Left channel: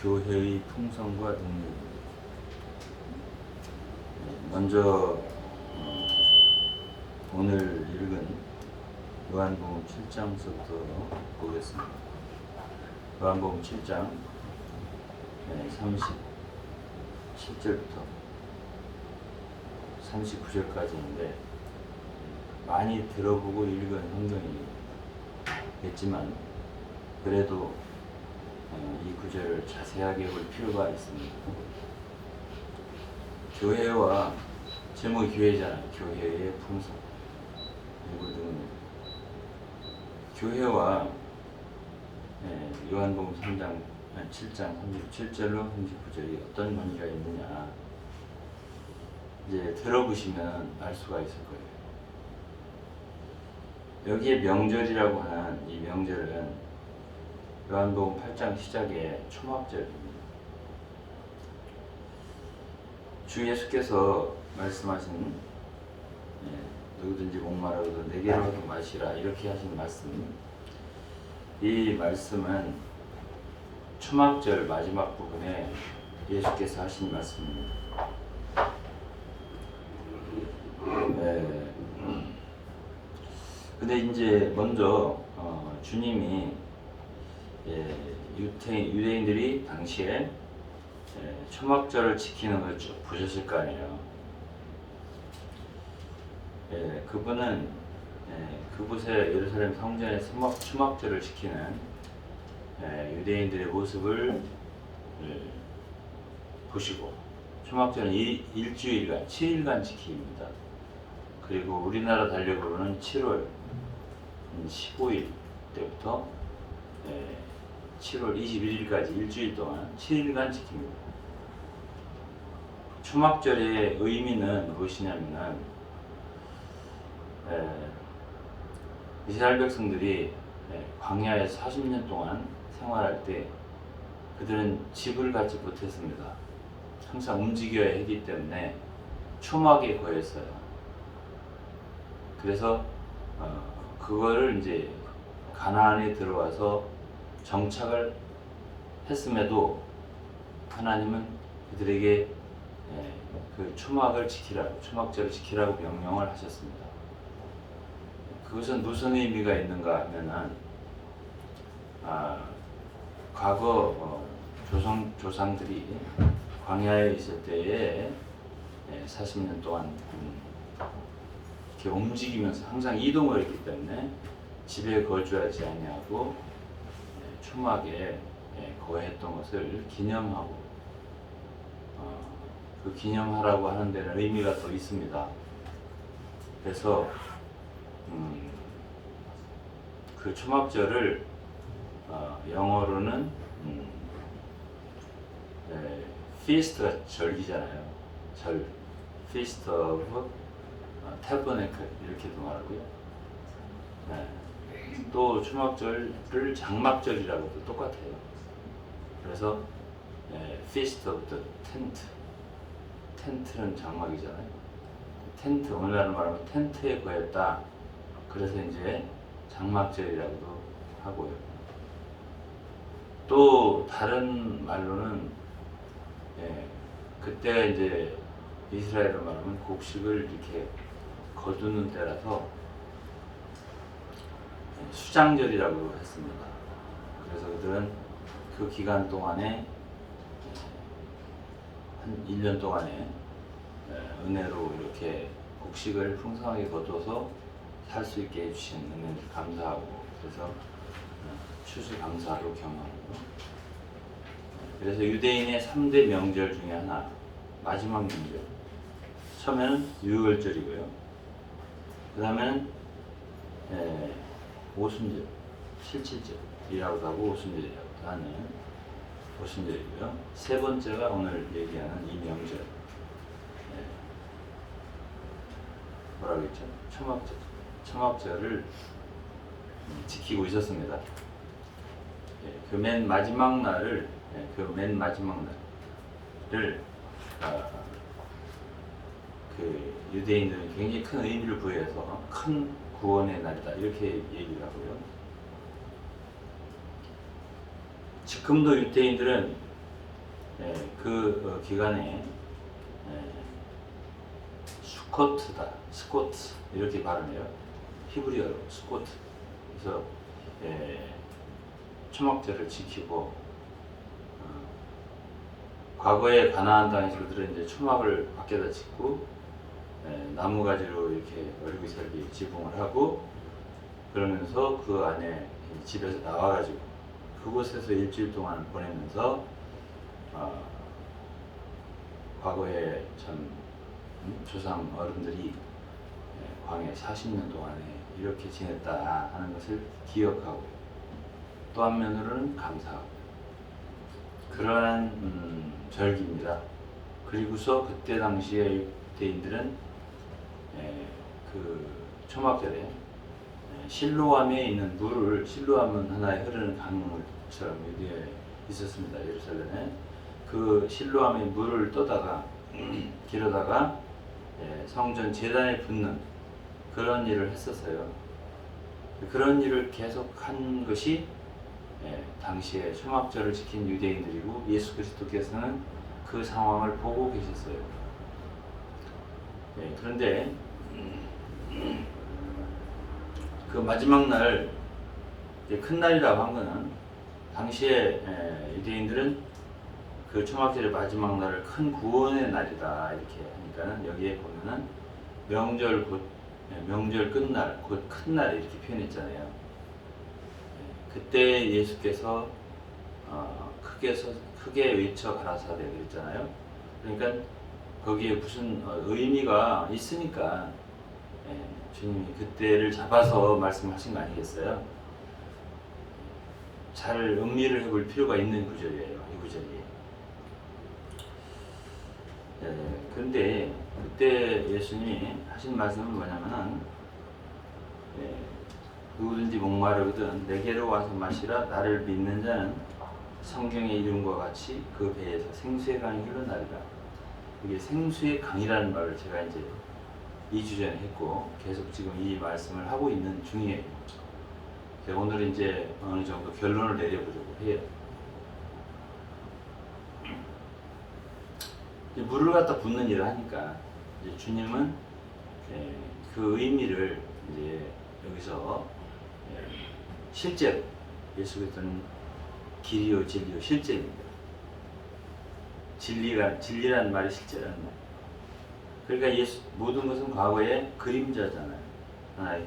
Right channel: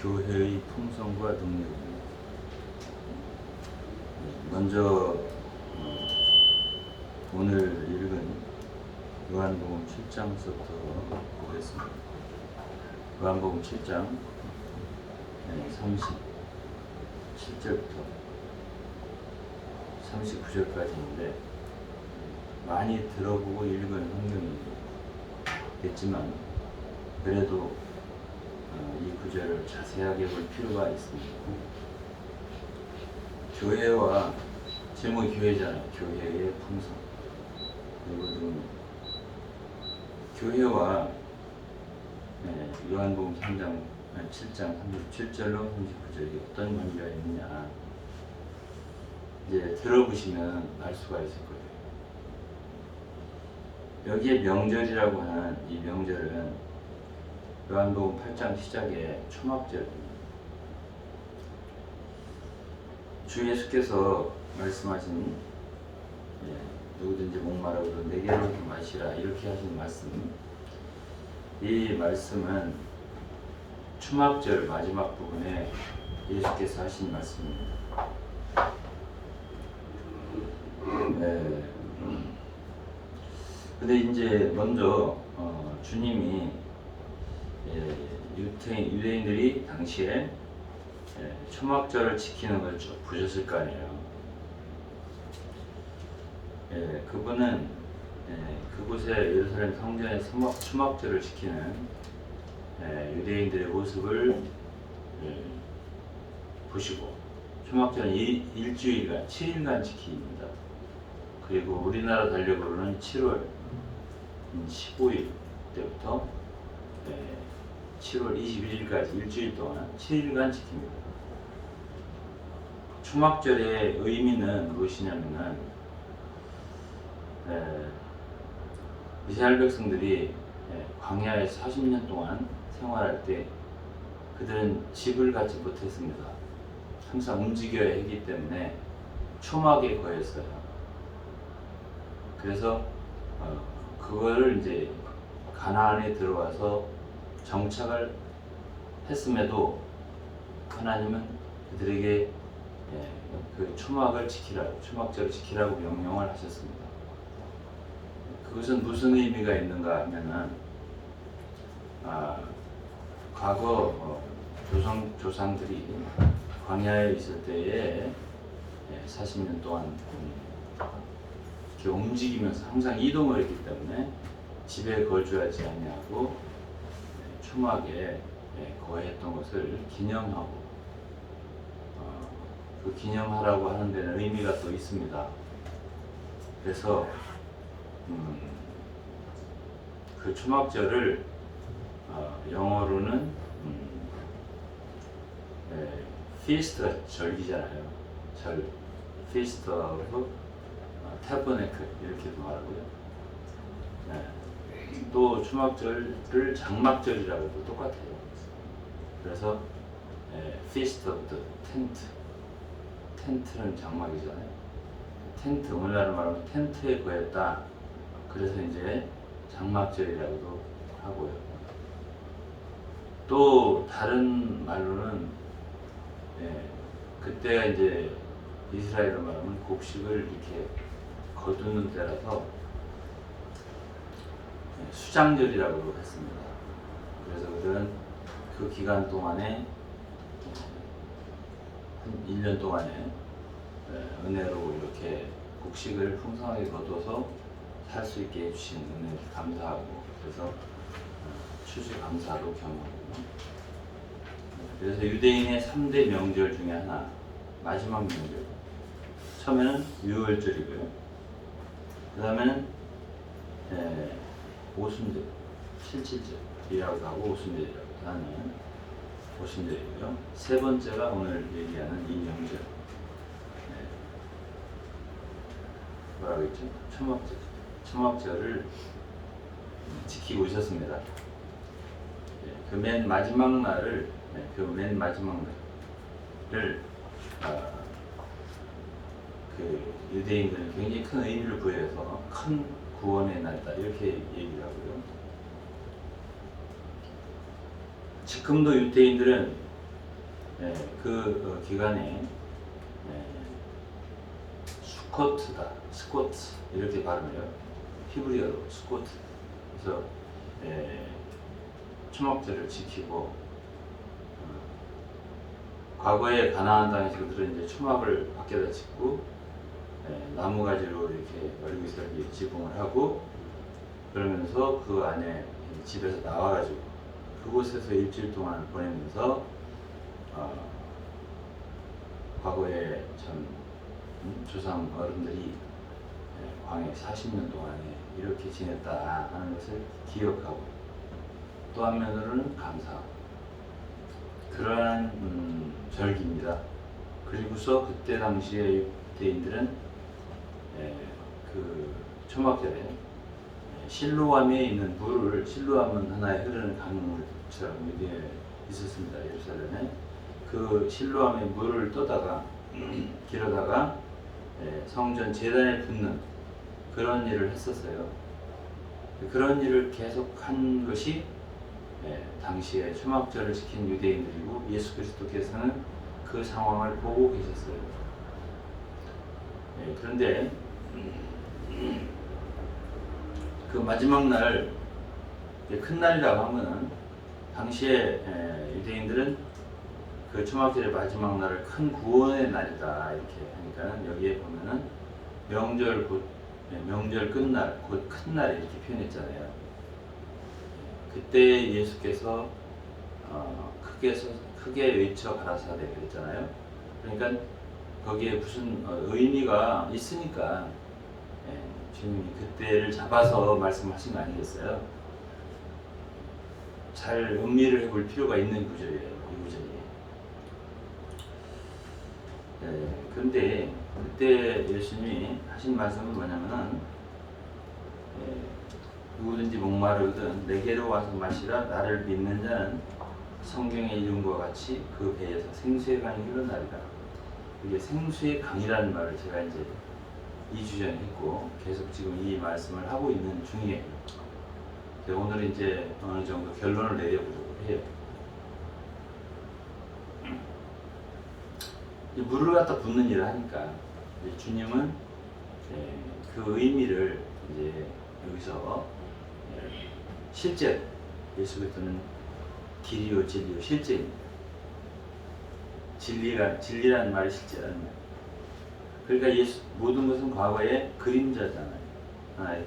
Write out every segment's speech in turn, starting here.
교회의 풍성과 능력입니다. 먼저 오늘 읽은 요한복음 7장부터 보겠습니다. 요한복음 7장 37절부터 39절까지인데 많이 들어보고 읽은 성경이겠지만 그래도 이 구절을 자세하게 볼 필요가 있습니다. 교회와 제목이 교회잖아요. 교회의 풍성. 그리고 교회와 요한복음 7장 37절로 39절이 어떤 관계가 있느냐 이제 들어보시면 알 수가 있을 거예요. 여기에 명절이라고 하는 이 명절은 요한복음 8장 시작의 초막절입니다. 주 예수께서 말씀하신 누구든지 목마르고도 내게로 마시라 이렇게 하신 말씀, 이 말씀은 초막절 마지막 부분에 예수께서 하신 말씀입니다. 근데 이제 먼저 주님이 유대인들이 당시에 초막절을 지키는 걸 쭉 보셨을 거 아니에요. 그분은 그곳에 예루살렘 성전에 초막절을 지키는 유대인들의 모습을 보시고, 초막절은 일주일간 7일간 지킵니다. 그리고 우리나라 달력으로는 7월 15일 때부터 7월 21일까지 일주일 동안 7일간 지킵니다. 초막절의 의미는 무엇이냐면은 이스라엘 백성들이 광야에 40년 동안 생활할 때 그들은 집을 갖지 못했습니다. 항상 움직여야 하기 때문에 초막에 거했어요. 그래서 그거를 이제 가나안에 들어와서 정착을 했음에도 하나님은 그들에게 그 초막을 지키라고, 초막절을 지키라고 명령을 하셨습니다. 그것은 무슨 의미가 있는가 하면은 과거 조상들이 광야에 있을 때에 40년 동안 이렇게 움직이면서 항상 이동을 했기 때문에 집에 거주하지 아니하고 초막에 거했던 것을 기념하고, 그 기념하라고 하는 데는 의미가 또 있습니다. 그래서 그 초막절을 영어로는 feast가 절기잖아요. feast of tabernacle 이렇게도 말하고요. 또 초막절을 장막절이라고도 똑같아요. 그래서 feast of the tent, 텐트는 장막이잖아요. 텐트, 오늘날 말하면 텐트에 거했다. 그래서 이제 장막절이라고도 하고요. 또 다른 말로는 그때가 이제 이스라엘로 말하면 곡식을 이렇게 거두는 때라서 수장절이라고 했습니다. 그래서 그들은 그 기간 동안에 한 1년 동안에 은혜로 이렇게 곡식을 풍성하게 거둬서 살 수 있게 해주신 은혜를 감사하고, 그래서 추수감사로 겸하고, 그래서 유대인의 3대 명절 중에 하나, 마지막 명절, 처음에는 유월절이고요. 그 다음에는 오순절, 77절이라고도 하고 오순절이라고도 하는 오순절이고요. 세 번째가 오늘 얘기하는 이 명절, 뭐라고 했죠? 초막절을 지키고 있었습니다. 그 맨 마지막 날을, 그 유대인들은 굉장히 큰 의미를 부여해서 큰 구원의 날이다 이렇게 얘기를 하고요. 지금도 유대인들은 그 기간에 스쿼트 이렇게 발음해요. 히브리어로 스쿼트. 그래서 초막절을 지키고 과거에 가나안 땅에서 그들은 이제 초막을 밖에다 짓고 나무가지로 이렇게 어리기설기 지붕을 하고 그러면서 그 안에 집에서 나와가지고 그곳에서 일주일 동안을 보내면서 과거에 참 조상 어른들이 광해 40년 동안에 이렇게 지냈다 하는 것을 기억하고 또 한면으로는 감사하고 그러한 절기입니다. 그리고서 그때 당시에 유대인들은 그 초막절에 실로암에 있는 물을 실로암은 하나의 흐르는 강물처럼 여기에 있었습니다. 예루살렘에 그 실로암의 물을 떠다가 길어다가 성전 제단에 붓는 그런 일을 했었어요. 그런 일을 계속한 것이 당시에 초막절을 지킨 유대인들이고 예수 그리스도께서는 그 상황을 보고 계셨어요. 그런데 그 마지막 날, 큰 날이라고 한 거는 당시에 유대인들은 그 초막절의 마지막 날을 큰 구원의 날이다 이렇게 하니까는 여기에 보면은 명절 끝날 곧 큰 날 이렇게 표현했잖아요. 그때 예수께서 크게 외쳐 가라사대 그랬잖아요. 그러니까 거기에 무슨 의미가 있으니까 주님이 그때를 잡아서 말씀하신 거 아니겠어요? 잘 음미를 해볼 필요가 있는 구절이에요. 이 구절이. 그런데 그때 예수님이 하신 말씀은 뭐냐면은 누구든지 목마르거든 내게로 와서 마시라. 나를 믿는 자는 성경의 이름과 같이 그 배에서 생수의 강이 흘러나리라. 이게 생수의 강이라는 말을 제가 이제 2주 전에 했고 계속 지금 이 말씀을 하고 있는 중이에요. 오늘은 이제 어느 정도 결론을 내려보려고 해요. 물을 갖다 붓는 일을 하니까 이제 주님은 그 의미를 이제 여기서 실제 예수 그리스도는 길이요 진리요 실제입니다. 진리라는 말이 실제라는 말. 그러니까 모든 것은 과거의 그림자잖아요. 하나의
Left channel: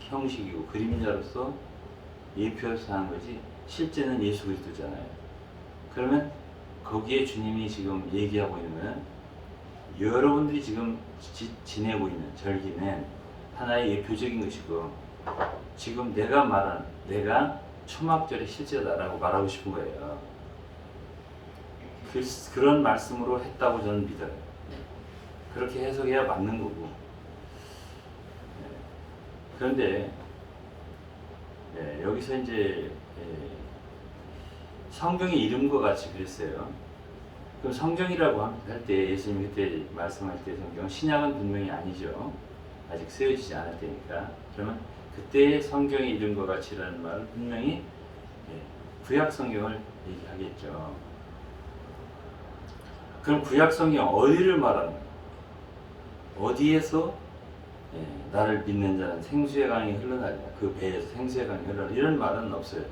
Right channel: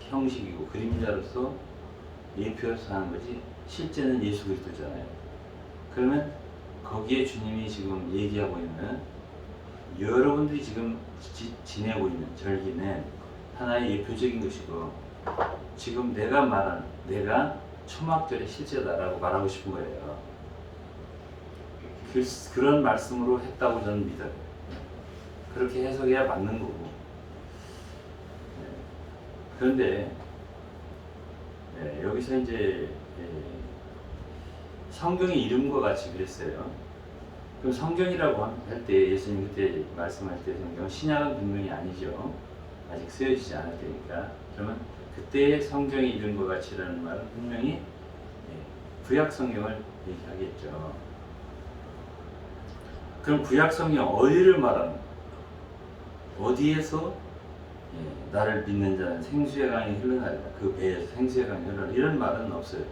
형식이고 그림자로서 예표로서 하는 거지 실제는 예수 그리스도잖아요. 그러면 거기에 주님이 지금 얘기하고 있는 것은 여러분들이 지금 지내고 있는 절기는 하나의 예표적인 것이고 지금 내가 초막절의 실제다라고 말하고 싶은 거예요. 그런 말씀으로 했다고 저는 믿어요. 그렇게 해석해야 맞는 거고. 그런데 여기서 이제 성경의 이름과 같이 그랬어요. 그럼 성경이라고 할 때 예수님 그때 말씀할 때 성경은 신약은 분명히 아니죠. 아직 쓰여지지 않을 때니까. 그러면 그때의 성경의 이름과 같이라는 말은 분명히 구약 성경을 얘기하겠죠. 그럼 구약 성경 어디를 말하는 거예요? 어디에서 나를 믿는 자는 생수의 강이 흘러나리다. 그 배에서 생수의 강이 흘러나리다. 이런 말은 없어요.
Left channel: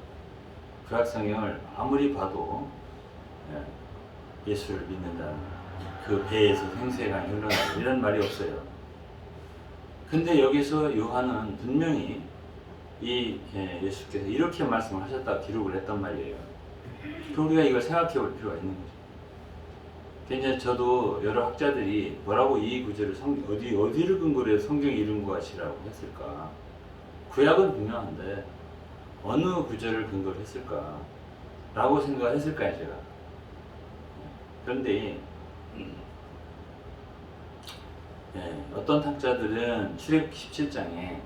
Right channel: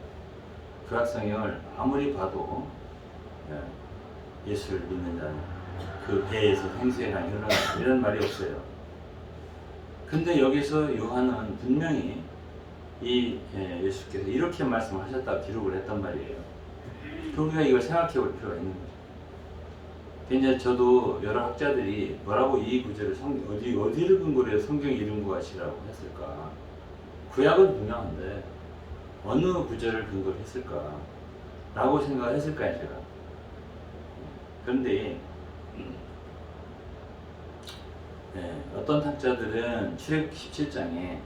구약 성경을 아무리 봐도 예수를 믿는 자는 그 배에서 생수의 강이 흘러나리다. 이런 말이 없어요. 근데 여기서 요한은 분명히 이 예수께서 이렇게 말씀을 하셨다고 기록을 했단 말이에요. 우리가 이걸 생각해 볼 필요가 있는 거죠. 굉장히 저도 여러 학자들이 뭐라고 이 구절을 어디를 근거로 해서 성경 이름과 같이라고 했을까? 구약은 분명한데 어느 구절을 근거로 했을까? 라고 생각했을까요, 제가? 그런데 어떤 학자들은 출애굽기 17장에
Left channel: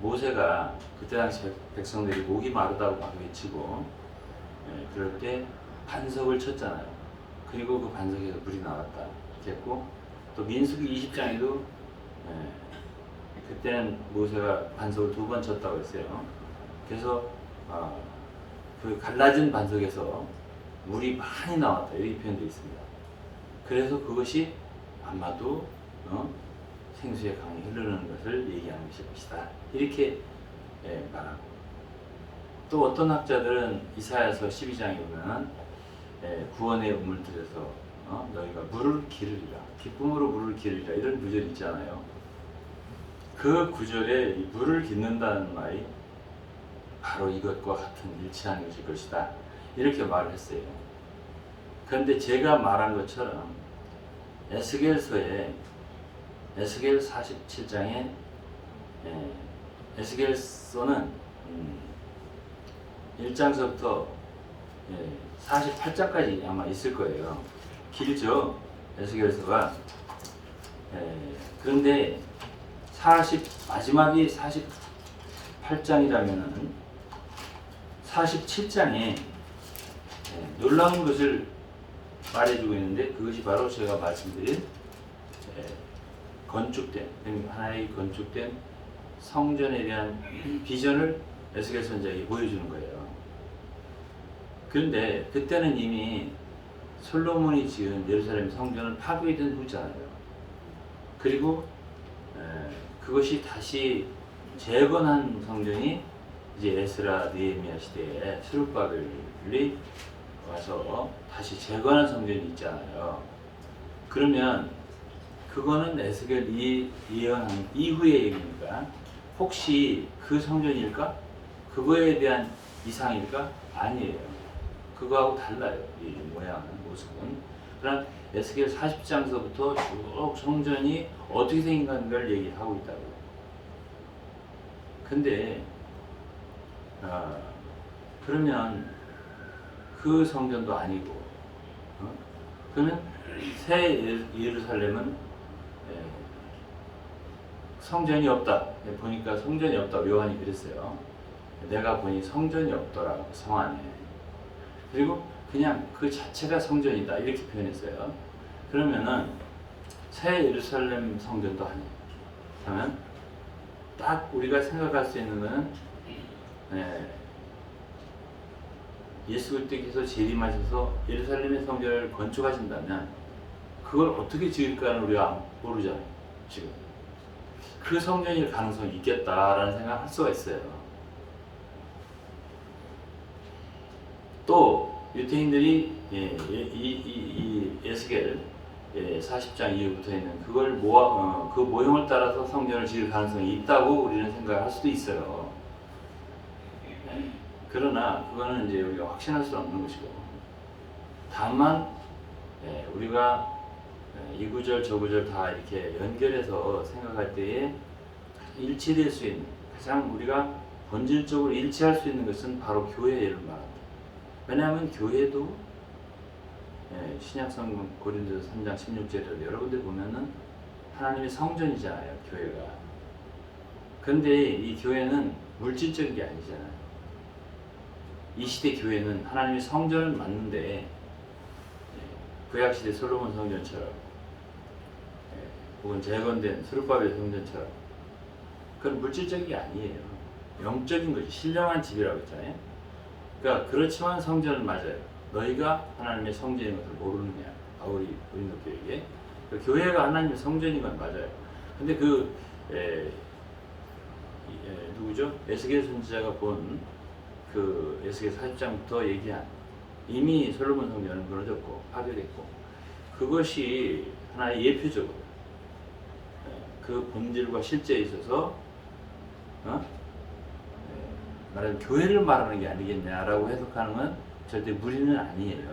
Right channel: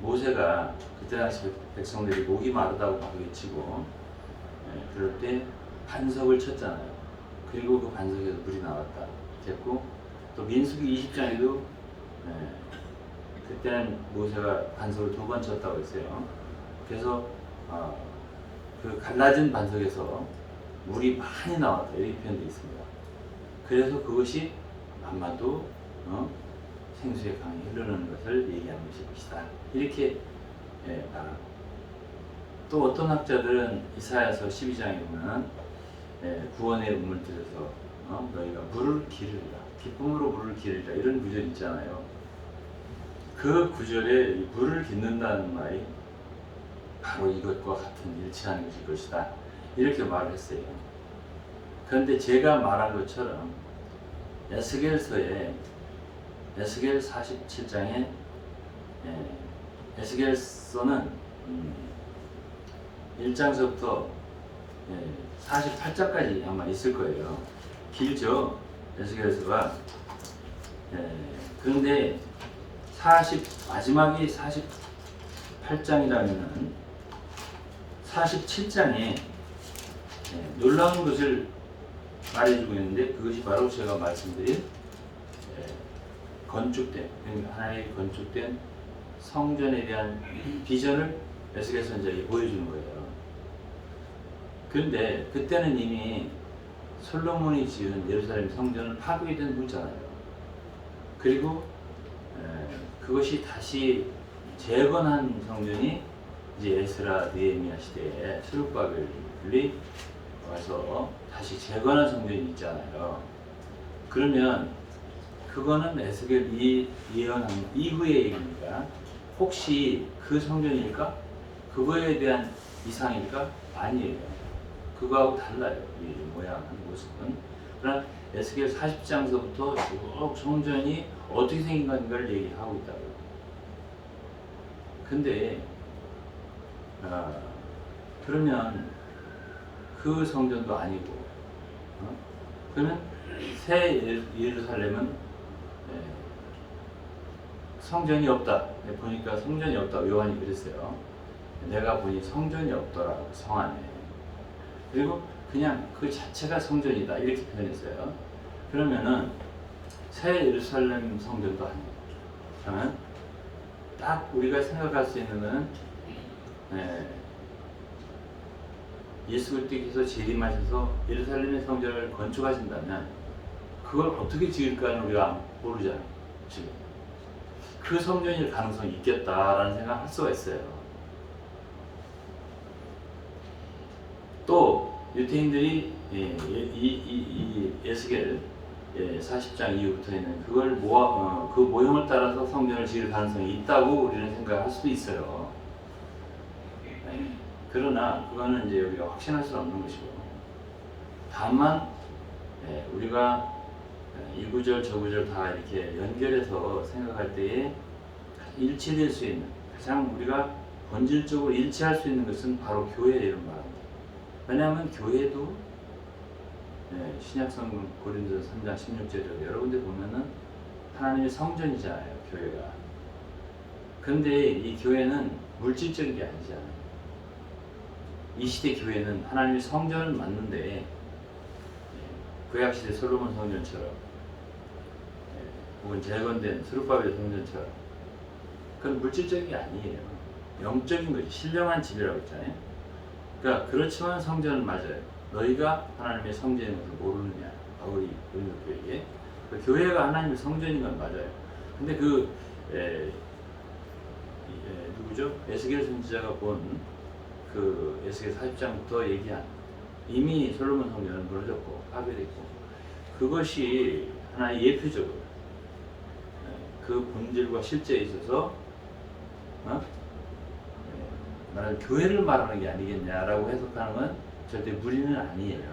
모세가 그때 당시 백성들이 목이 마르다고 막 외치고 그럴 때 반석을 쳤잖아요. 그리고 그 반석에서 물이 나왔다 됐고 또 민수기 20장에도 그때는 모세가 반석을 2번 쳤다고 했어요. 그래서 그 갈라진 반석에서 물이 많이 나왔다 이렇게 표현되어 있습니다. 그래서 그것이 아마도 생수의 강이 흐르는 것을 얘기하는 것일 것이다 이렇게 말합니다. 또 어떤 학자들은 이사야서 12장에 보면 구원의 우물들에서 너희가 물을 기르리라 기쁨으로 물을 기르리라 이런 구절이 있잖아요. 그 구절에 물을 깃는다는 말이 바로 이것과 같은 일치하는 것일 것이다 이렇게 말을 했어요. 그런데 제가 말한 것처럼 에스겔서에 에스겔 47장에 에스겔서는 1장서부터 48장까지 아마 있을 거예요. 길죠 에스겔서가. 그런데 마지막이 48장이라면 47장에 놀라운 것을 말해주고 있는데 그것이 바로 제가 말씀드린 건축된 하나의 건축된 성전에 대한 비전을 에스겔 선지자에게 보여주는 거예요. 그런데 그때는 이미 솔로몬이 지은 예루살렘 성전은 파괴된 후잖아요. 그리고 그것이 다시 재건한 성전이 이제 에스라 느헤미야 시대에 스룹바벨이 와서 다시 재건한 성전이 있잖아요. 그러면 그거는 에스겔이 예언한 이후의 얘기니까 혹시 그 성전일까? 그거에 대한 이상일까? 아니에요. 그거하고 달라요. 이 모양은, 모습은. 그러나 에스겔 40장서부터 쭉 성전이 어떻게 생긴 건가를 얘기하고 있다고. 근데 그러면 그 성전도 아니고 그러면 새 예루살렘은 성전이 없다. 보니까 성전이 없다고 요한이 그랬어요. 내가 보니 성전이 없더라고 성 안에. 그리고 그냥 그 자체가 성전이다 이렇게 표현했어요. 그러면은 새 예루살렘 성전도 아니에요. 그러면 딱 우리가 생각할 수 있는 것은 예수 그리스도께서 재림하셔서 예루살렘의 성전을 건축하신다면 그걸 어떻게 지을까는 우리가 모르잖아요. 지금 그 성전일 가능성이 있겠다라는 생각을 할 수가 있어요. 또 유대인들이 이 에스겔 40장 이후부터 있는 그걸 그 모형을 따라서 성전을 지을 가능성이 있다고 우리는 생각할 수도 있어요. 그러나 그거는 이제 우리가 확신할 수 없는 것이고, 다만 우리가 이 구절 저 구절 다 이렇게 연결해서 생각할 때에 일치될 수 있는, 가장 우리가 본질적으로 일치할 수 있는 것은 바로 교회를 말합니다. 왜냐하면 교회도 신약성경 고린도서 3장 16절에 여러 군데 보면은 하나님의 성전이잖아요, 교회가. 그런데 이 교회는 물질적인 게 아니잖아요. 이 시대 교회는 하나님의 성전은 맞는데 구약시대 솔로몬 성전처럼 혹은 재건된 스룹바벨 성전처럼 그건 물질적인 게 아니에요. 영적인 거지. 신령한 집이라고 했잖아요. 그러니까 그렇지만 성전은 맞아요. 너희가 하나님의 성전인 것을 모르느냐, 바울이 고린도 교회에게. 그 교회가 하나님의 성전인 건 맞아요. 근데 누구죠? 에스겔 선지자가 본 그 에스겔 40장부터 얘기한, 이미 솔로몬 성전은 무너졌고 파괴됐고, 그것이 하나의 예표적으로 그 본질과 실제에 있어서 말하는 교회를 말하는 게 아니겠냐라고 해석하는 건 절대 무리는 아니에요.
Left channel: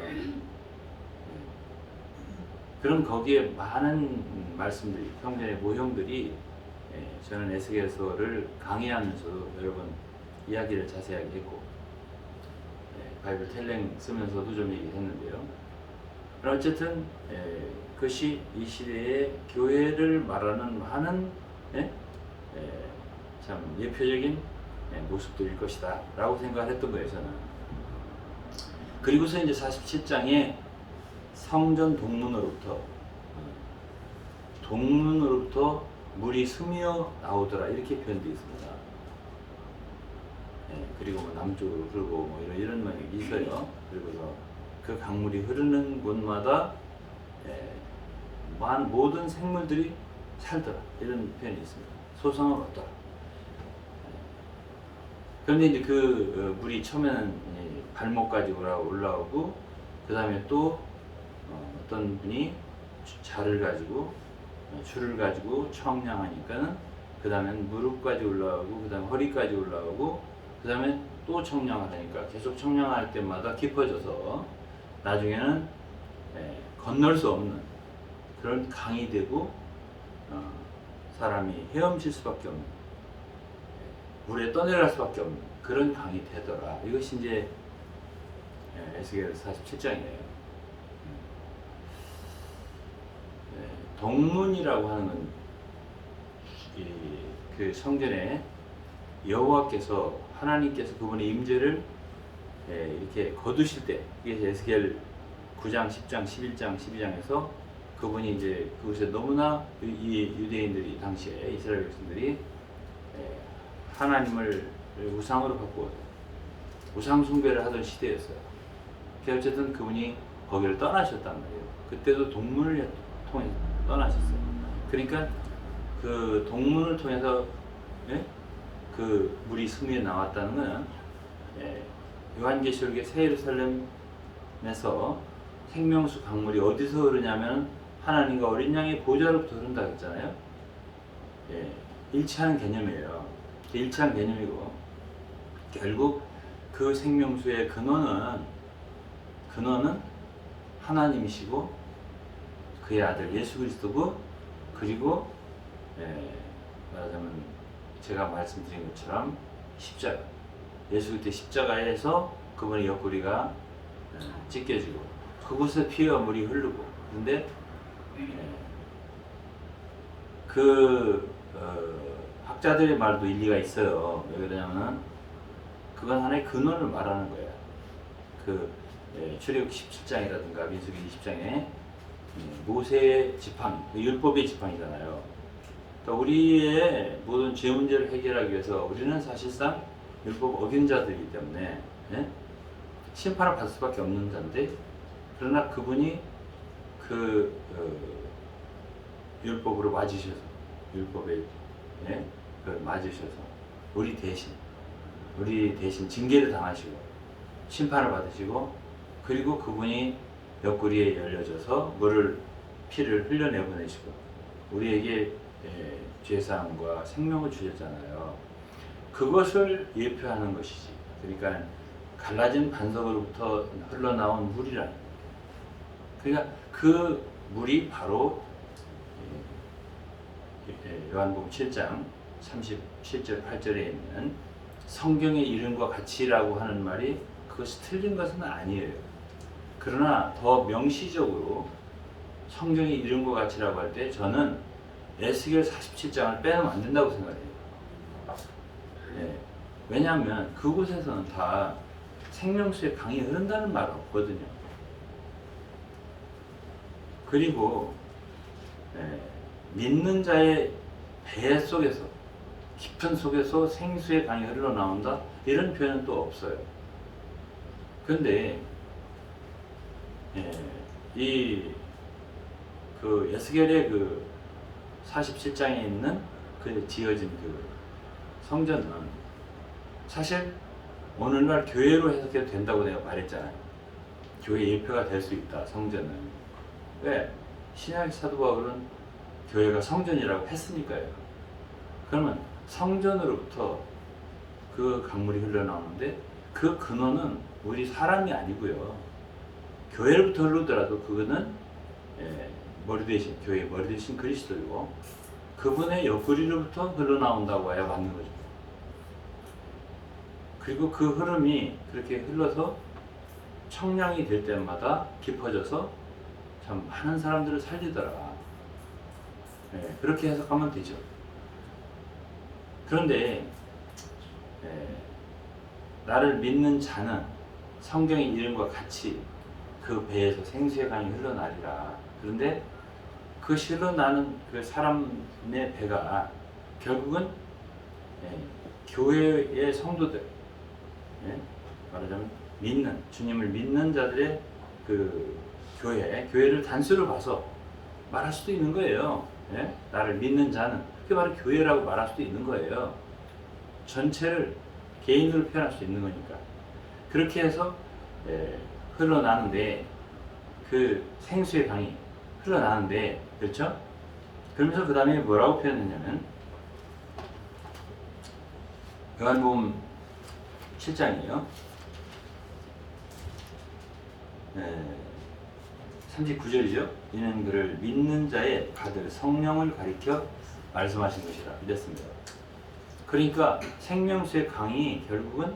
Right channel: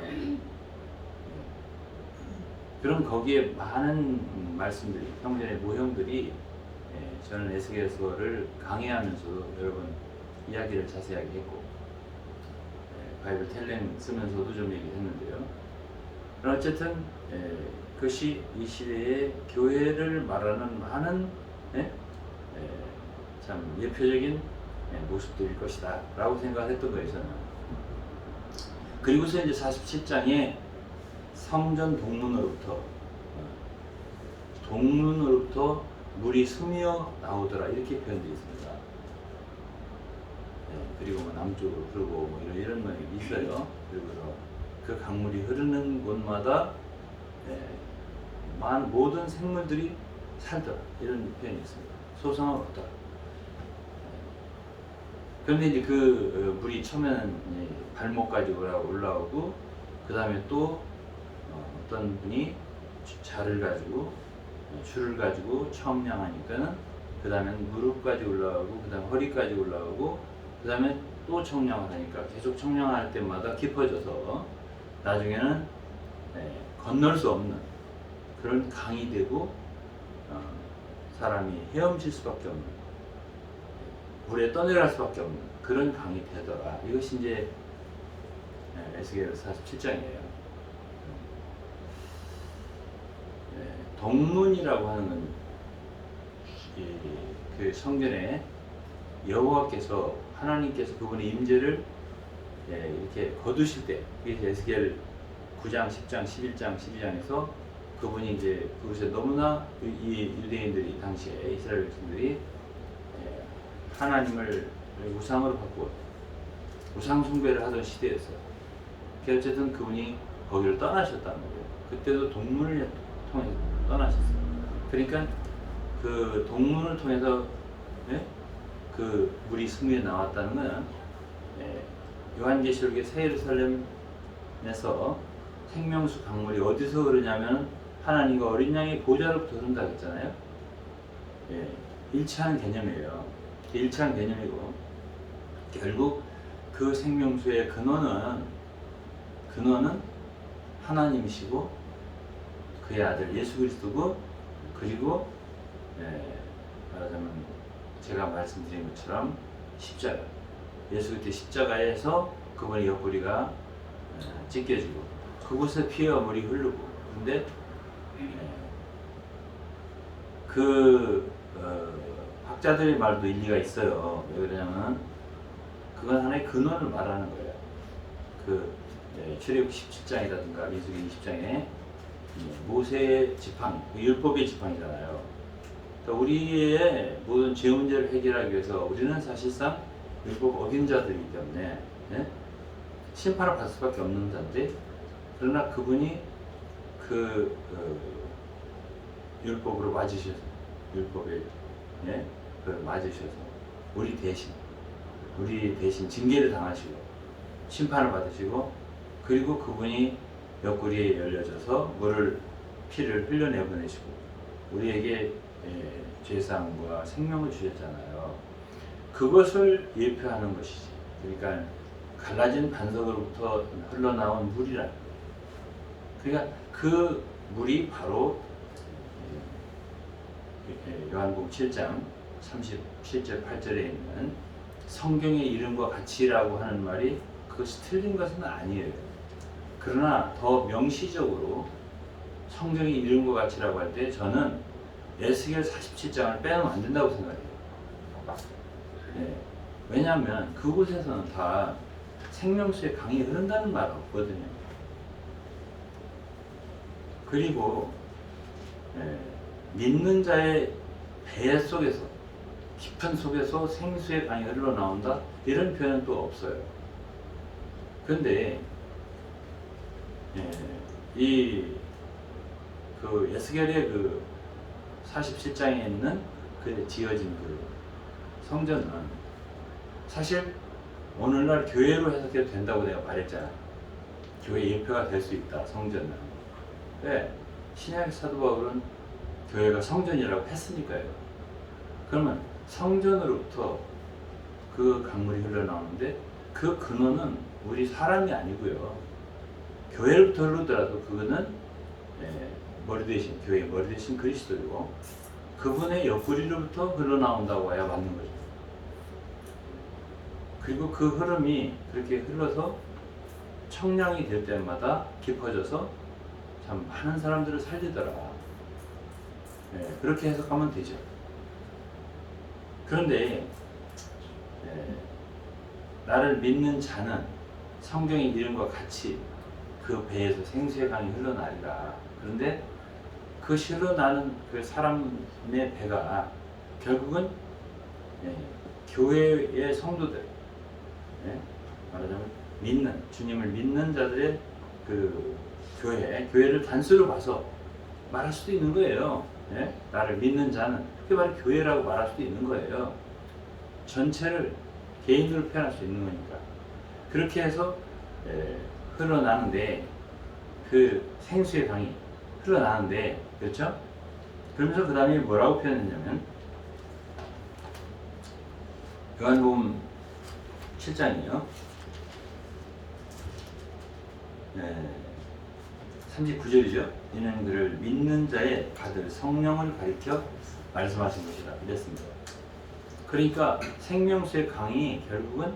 그럼 거기에 많은 말씀들이, 성전의 모형들이, 저는 에스겔서를 강의하면서 여러 번 이야기를 자세하게 했고, 바이블 텔랭 쓰면서도 좀 얘기했는데요. 어쨌든 그것이 이 시대의 교회를 말하는 많은 참 예표적인 모습들일 것이다 라고 생각했던 거예요, 저는. 그리고서 이제 47장에 성전 동문으로부터 물이 스며 나오더라 이렇게 표현되어 있습니다. 그리고 뭐 남쪽으로 흐르고 뭐 이런 말이 있어요. 그리고서 그 강물이 흐르는 곳마다 모든 생물들이 살더라, 이런 표현이 있습니다. 소성함을 얻더라. 그런데 이제 그 물이 처음에는 발목까지 올라오고, 그 다음에 또 어떤 분이 줄을 가지고 청량하니까는 그 다음에 무릎까지 올라오고, 그 다음에 허리까지 올라오고, 그 다음에 또 청량을 하니까 계속 청량할 때마다 깊어져서 나중에는 건널 수 없는 그런 강이 되고, 사람이 헤엄칠 수밖에 없는, 물에 떠내려갈 수밖에 없는 그런 강이 되더라. 이것이 이제 에스겔 47장이에요. 동문이라고 하는 건 그 성전에 여호와께서, 하나님께서 그분의 임재를 이렇게 거두실 때, 이게 에스겔 9장, 10장, 11장, 12장에서 그분이 이제 그것에 너무나 이 유대인들이, 당시에 이스라엘 백성들이 하나님을 우상으로 바꾸고 우상 숭배를 하던 시대였어요. 어쨌든 그분이 거기를 떠나셨단 말이에요. 그때도 동문을 통해서 떠나셨어요. 그러니까 그 동문을 통해서 그 물이 승리에 나왔다는 것은 요한계시록의 새 예루살렘에서 생명수 강물이 어디서 흐르냐면 하나님과 어린 양의 보좌로부터 흐른다고 했잖아요. 일치하는 개념이에요. 일치하는 개념이고, 결국 그 생명수의 근원은 하나님이시고 그의 아들 예수 그리스도고, 그리고 말하자면 제가 말씀드린 것처럼 십자가, 예수 그리스도의 십자가에서 그분의 옆구리가 찢겨지고 그곳에 피와 물이 흐르고. 근데 학자들의 말도 일리가 있어요. 왜 그러냐면 그건 하나의 근원을 말하는 거예요. 출애굽 17장이라든가 민수기 20장에 모세의 지팡이, 율법의 지팡이잖아요. 그러니까 우리의 모든 죄 문제를 해결하기 위해서 우리는 사실상 율법 어긴 자들이기 때문에 심판을 받을 수밖에 없는 자인데, 그러나 그분이 율법으로 맞으셔서, 율법에 맞으셔서 우리 대신 징계를 당하시고 심판을 받으시고, 그리고 그분이 옆구리에 열려져서 피를 흘려내보내시고 우리에게 죄사함과 생명을 주셨잖아요. 그것을 예표하는 것이지. 그러니까 갈라진 반석으로부터 흘러나온 물이라는 거예요. 그러니까 그 물이 바로 요한복음 7장 37절 8절에 있는 성경의 이름과 같이라고 하는 말이 그것이 틀린 것은 아니에요. 그러나 더 명시적으로 성경의 이름과 같이라고 할 때 저는 에스겔 47장을 빼놓으면 안 된다고 생각해요. 왜냐하면 그곳에서는 다 생명수의 강이 흐른다는 말 없거든요. 그리고 믿는 자의 배 속에서, 깊은 속에서 생수의 강이 흘러나온다, 이런 표현은 또 없어요. 그런데 에스겔의 47장에 있는 지어진 성전은 사실 오늘날 교회로 해석해도 된다고 내가 말했잖아요. 교회 예표가 될 수 있다, 성전은. 왜? 신약의 사도 바울은 교회가 성전이라고 했으니까요. 그러면 성전으로부터 그 강물이 흘러나오는데 그 근원은 우리 사람이 아니고요. 교회로부터 흐르더라도 그거는 교회의 머리 대신 그리스도이고, 그분의 옆구리로부터 흘러나온다고 해야 맞는 거죠. 그리고 그 흐름이 그렇게 흘러서 청량이 될 때마다 깊어져서 참 많은 사람들을 살리더라. 그렇게 해석하면 되죠. 그런데 나를 믿는 자는 성경의 이름과 같이 그 배에서 생수의 강이 흘러나리라. 그런데 그 흘러나는 그 사람의 배가 결국은 교회의 성도들, 말하자면 주님을 믿는 자들의 그 교회를 단수로 봐서 말할 수도 있는 거예요. 예? 나를 믿는 자는 그게 바로 교회라고 말할 수도 있는 거예요. 전체를 개인으로 표현할 수 있는 거니까. 그렇게 해서 흘러나는데 그 생수의 강이 흘러나는데 그렇죠? 그러면서 그 다음에 뭐라고 표현했냐면 요한복음 7장이에요. 39절이죠. 이는 그를 믿는 자의 받을 성령을 가리켜 말씀하신 것이라 이랬습니다. 그러니까 생명수의 강이 결국은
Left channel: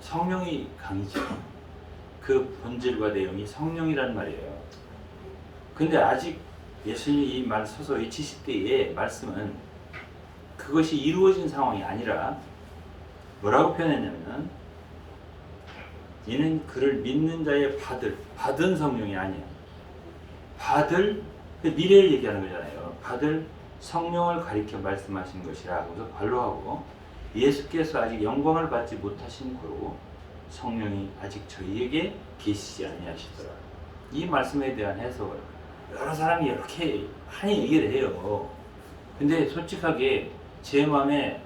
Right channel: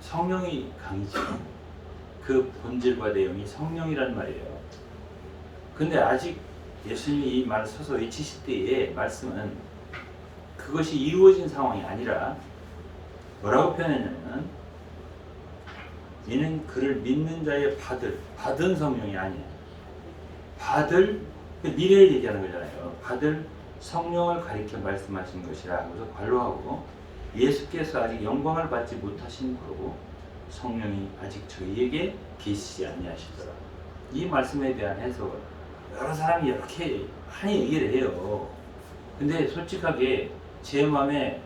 성령이 강이죠. 그 본질과 내용이 성령이란 말이에요. 근데 아직 예수님이 이 말 서서 외치실 때의 말씀은 그것이 이루어진 상황이 아니라 뭐라고 표현했냐면 이는 그를 믿는 자의 받은 성령이 아니에요. 받을 미래를 얘기하는 거잖아요. 받을 성령을 가리켜 말씀하신 것이라 하고서 관로하고 예수께서 아직 영광을 받지 못하신 거로 성령이 아직 저희에게 계시지 아니하시더라. 이 말씀에 대한 해석을 여러 사람이 이렇게 많이 얘기를 해요. 근데 솔직하게 제 마음에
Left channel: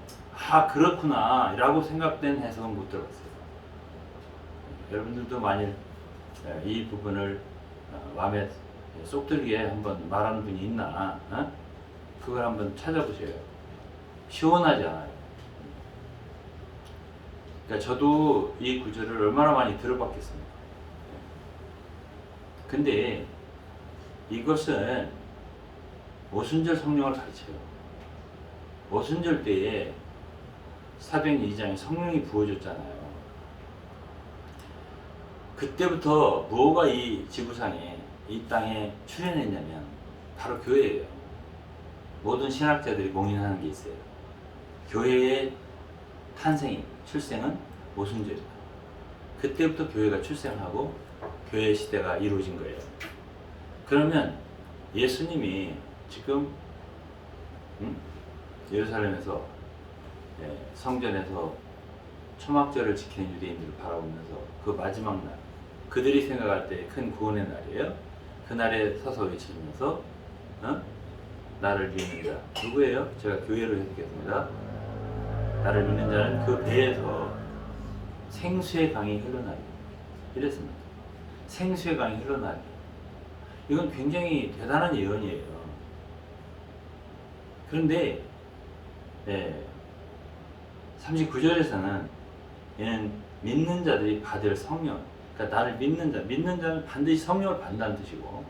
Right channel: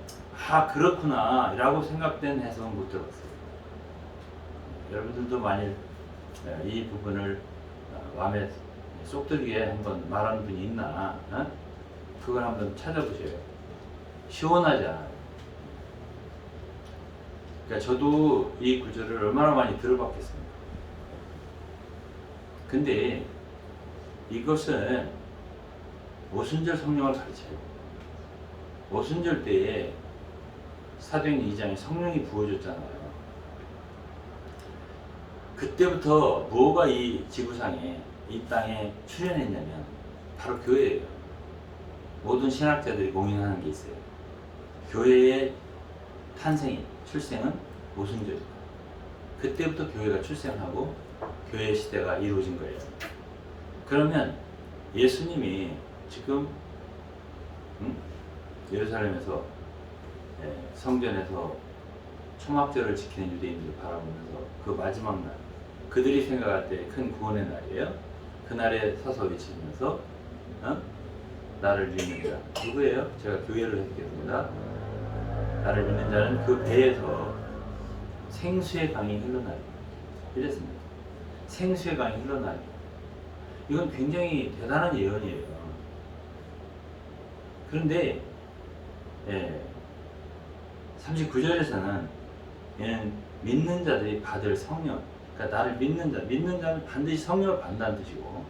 그렇구나 라고 생각된 해석은 못 들었어요. 여러분들도 만일 이 부분을 마음에 쏙 들게 한번 말하는 분이 있나 그걸 한번 찾아보세요. 시원하지 않아요. 그러니까 저도 이 구절을 얼마나 많이 들어봤겠습니까? 근데 이것은 오순절 성령을 가르쳐요. 오순절 때에 사도행전 2장에 성령이 부어졌잖아요. 그때부터 뭐가 이 지구상에 이 땅에 출현했냐면 바로 교회예요. 모든 신학자들이 공인하는 게 있어요. 교회의 출생은 오순절이다. 그때부터 교회가 출생하고 교회 시대가 이루어진 거예요. 그러면 예수님이 지금 예루살렘에서 성전에서 초막절을 지키는 유대인들을 바라보면서 그 마지막 날 그들이 생각할 때 큰 구원의 날이에요. 그날에 서서 외치면서 나를 믿는 자 누구예요? 제가 교회로 해석했습니다. 나를 믿는 자는 그 배에서 생수의 강이 흘러나리 이랬습니다. 생수의 강이 흘러나리 이건 굉장히 대단한 예언이에요. 그런데 39절에서는 얘는 믿는 자들이 받을 성령, 그러니까 나를 믿는 자는 반드시 성령을 받는다는 뜻이고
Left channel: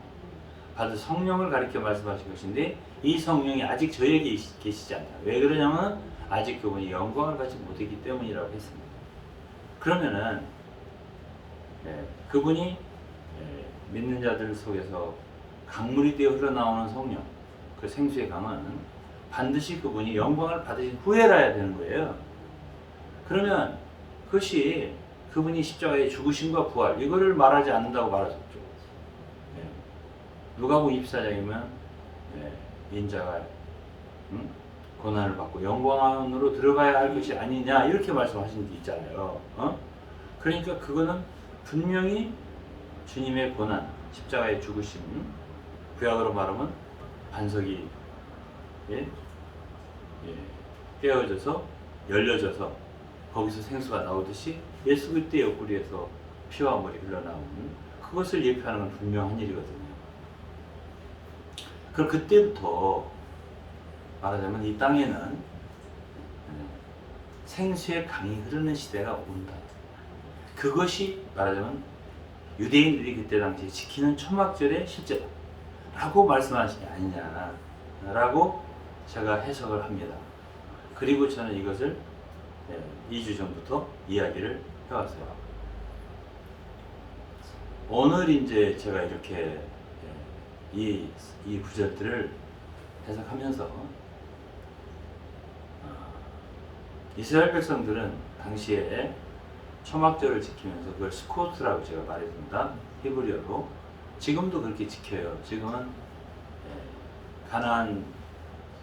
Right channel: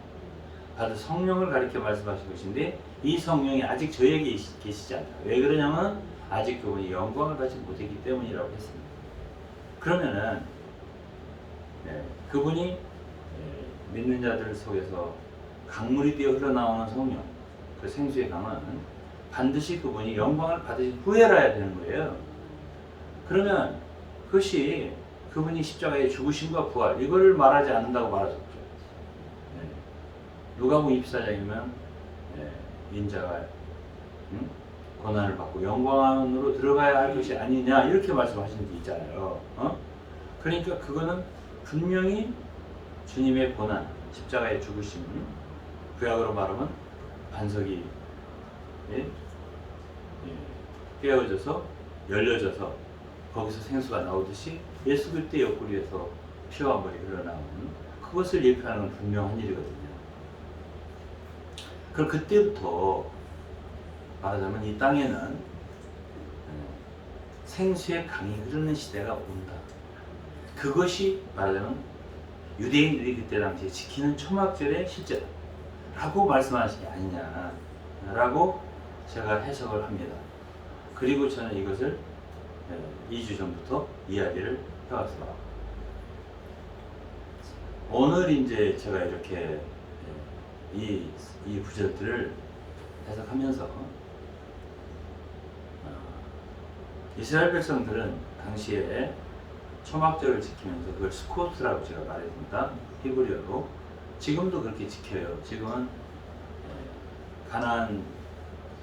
받을 성령을 가리켜 말씀하신 것인데 이 성령이 아직 저에게 계시지 않다. 왜 그러냐면 아직 그분이 영광을 받지 못했기 때문이라고 했습니다. 그러면은 그분이 믿는 자들 속에서 강물이 되어 흘러나오는 성령, 그 생수의 강은 반드시 그분이 영광을 받으신 후에라야 되는 거예요. 그러면 그것이 그분이 십자가에 죽으심과 부활 이거를 말하지 않는다고 말하셨죠. 누가복음 24장이면 인자가 고난을 받고 영광으로 들어가야 할 것이 아니냐 이렇게 말씀하신 게 있잖아요. 그러니까 그거는 분명히 주님의 고난, 십자가의 죽으심, 구약으로 말하면 반석이 깨어져서 열려져서 거기서 생수가 나오듯이 예수 그리스도의 옆구리에서 피와 물이 흘러나오는 그것을 예표하는 건 분명한 일이거든요. 그럼 그때부터 말하자면 이 땅에는 생수의 강이 흐르는 시대가 온다. 그것이 말하자면 유대인들이 그때 당시에 지키는 초막절의 실제다 라고 말씀하신 게 아니냐라고 제가 해석을 합니다. 그리고 저는 이것을 2주 전부터 이야기를 해왔어요. 오늘 이제 제가 이렇게 이 구절들을 해석하면서 이스라엘 백성들은 당시에 초막절을 지키면서 그걸 스코트라고 제가 말했습니다. 히브리어로. 지금도 그렇게 지켜요. 지금은 가나안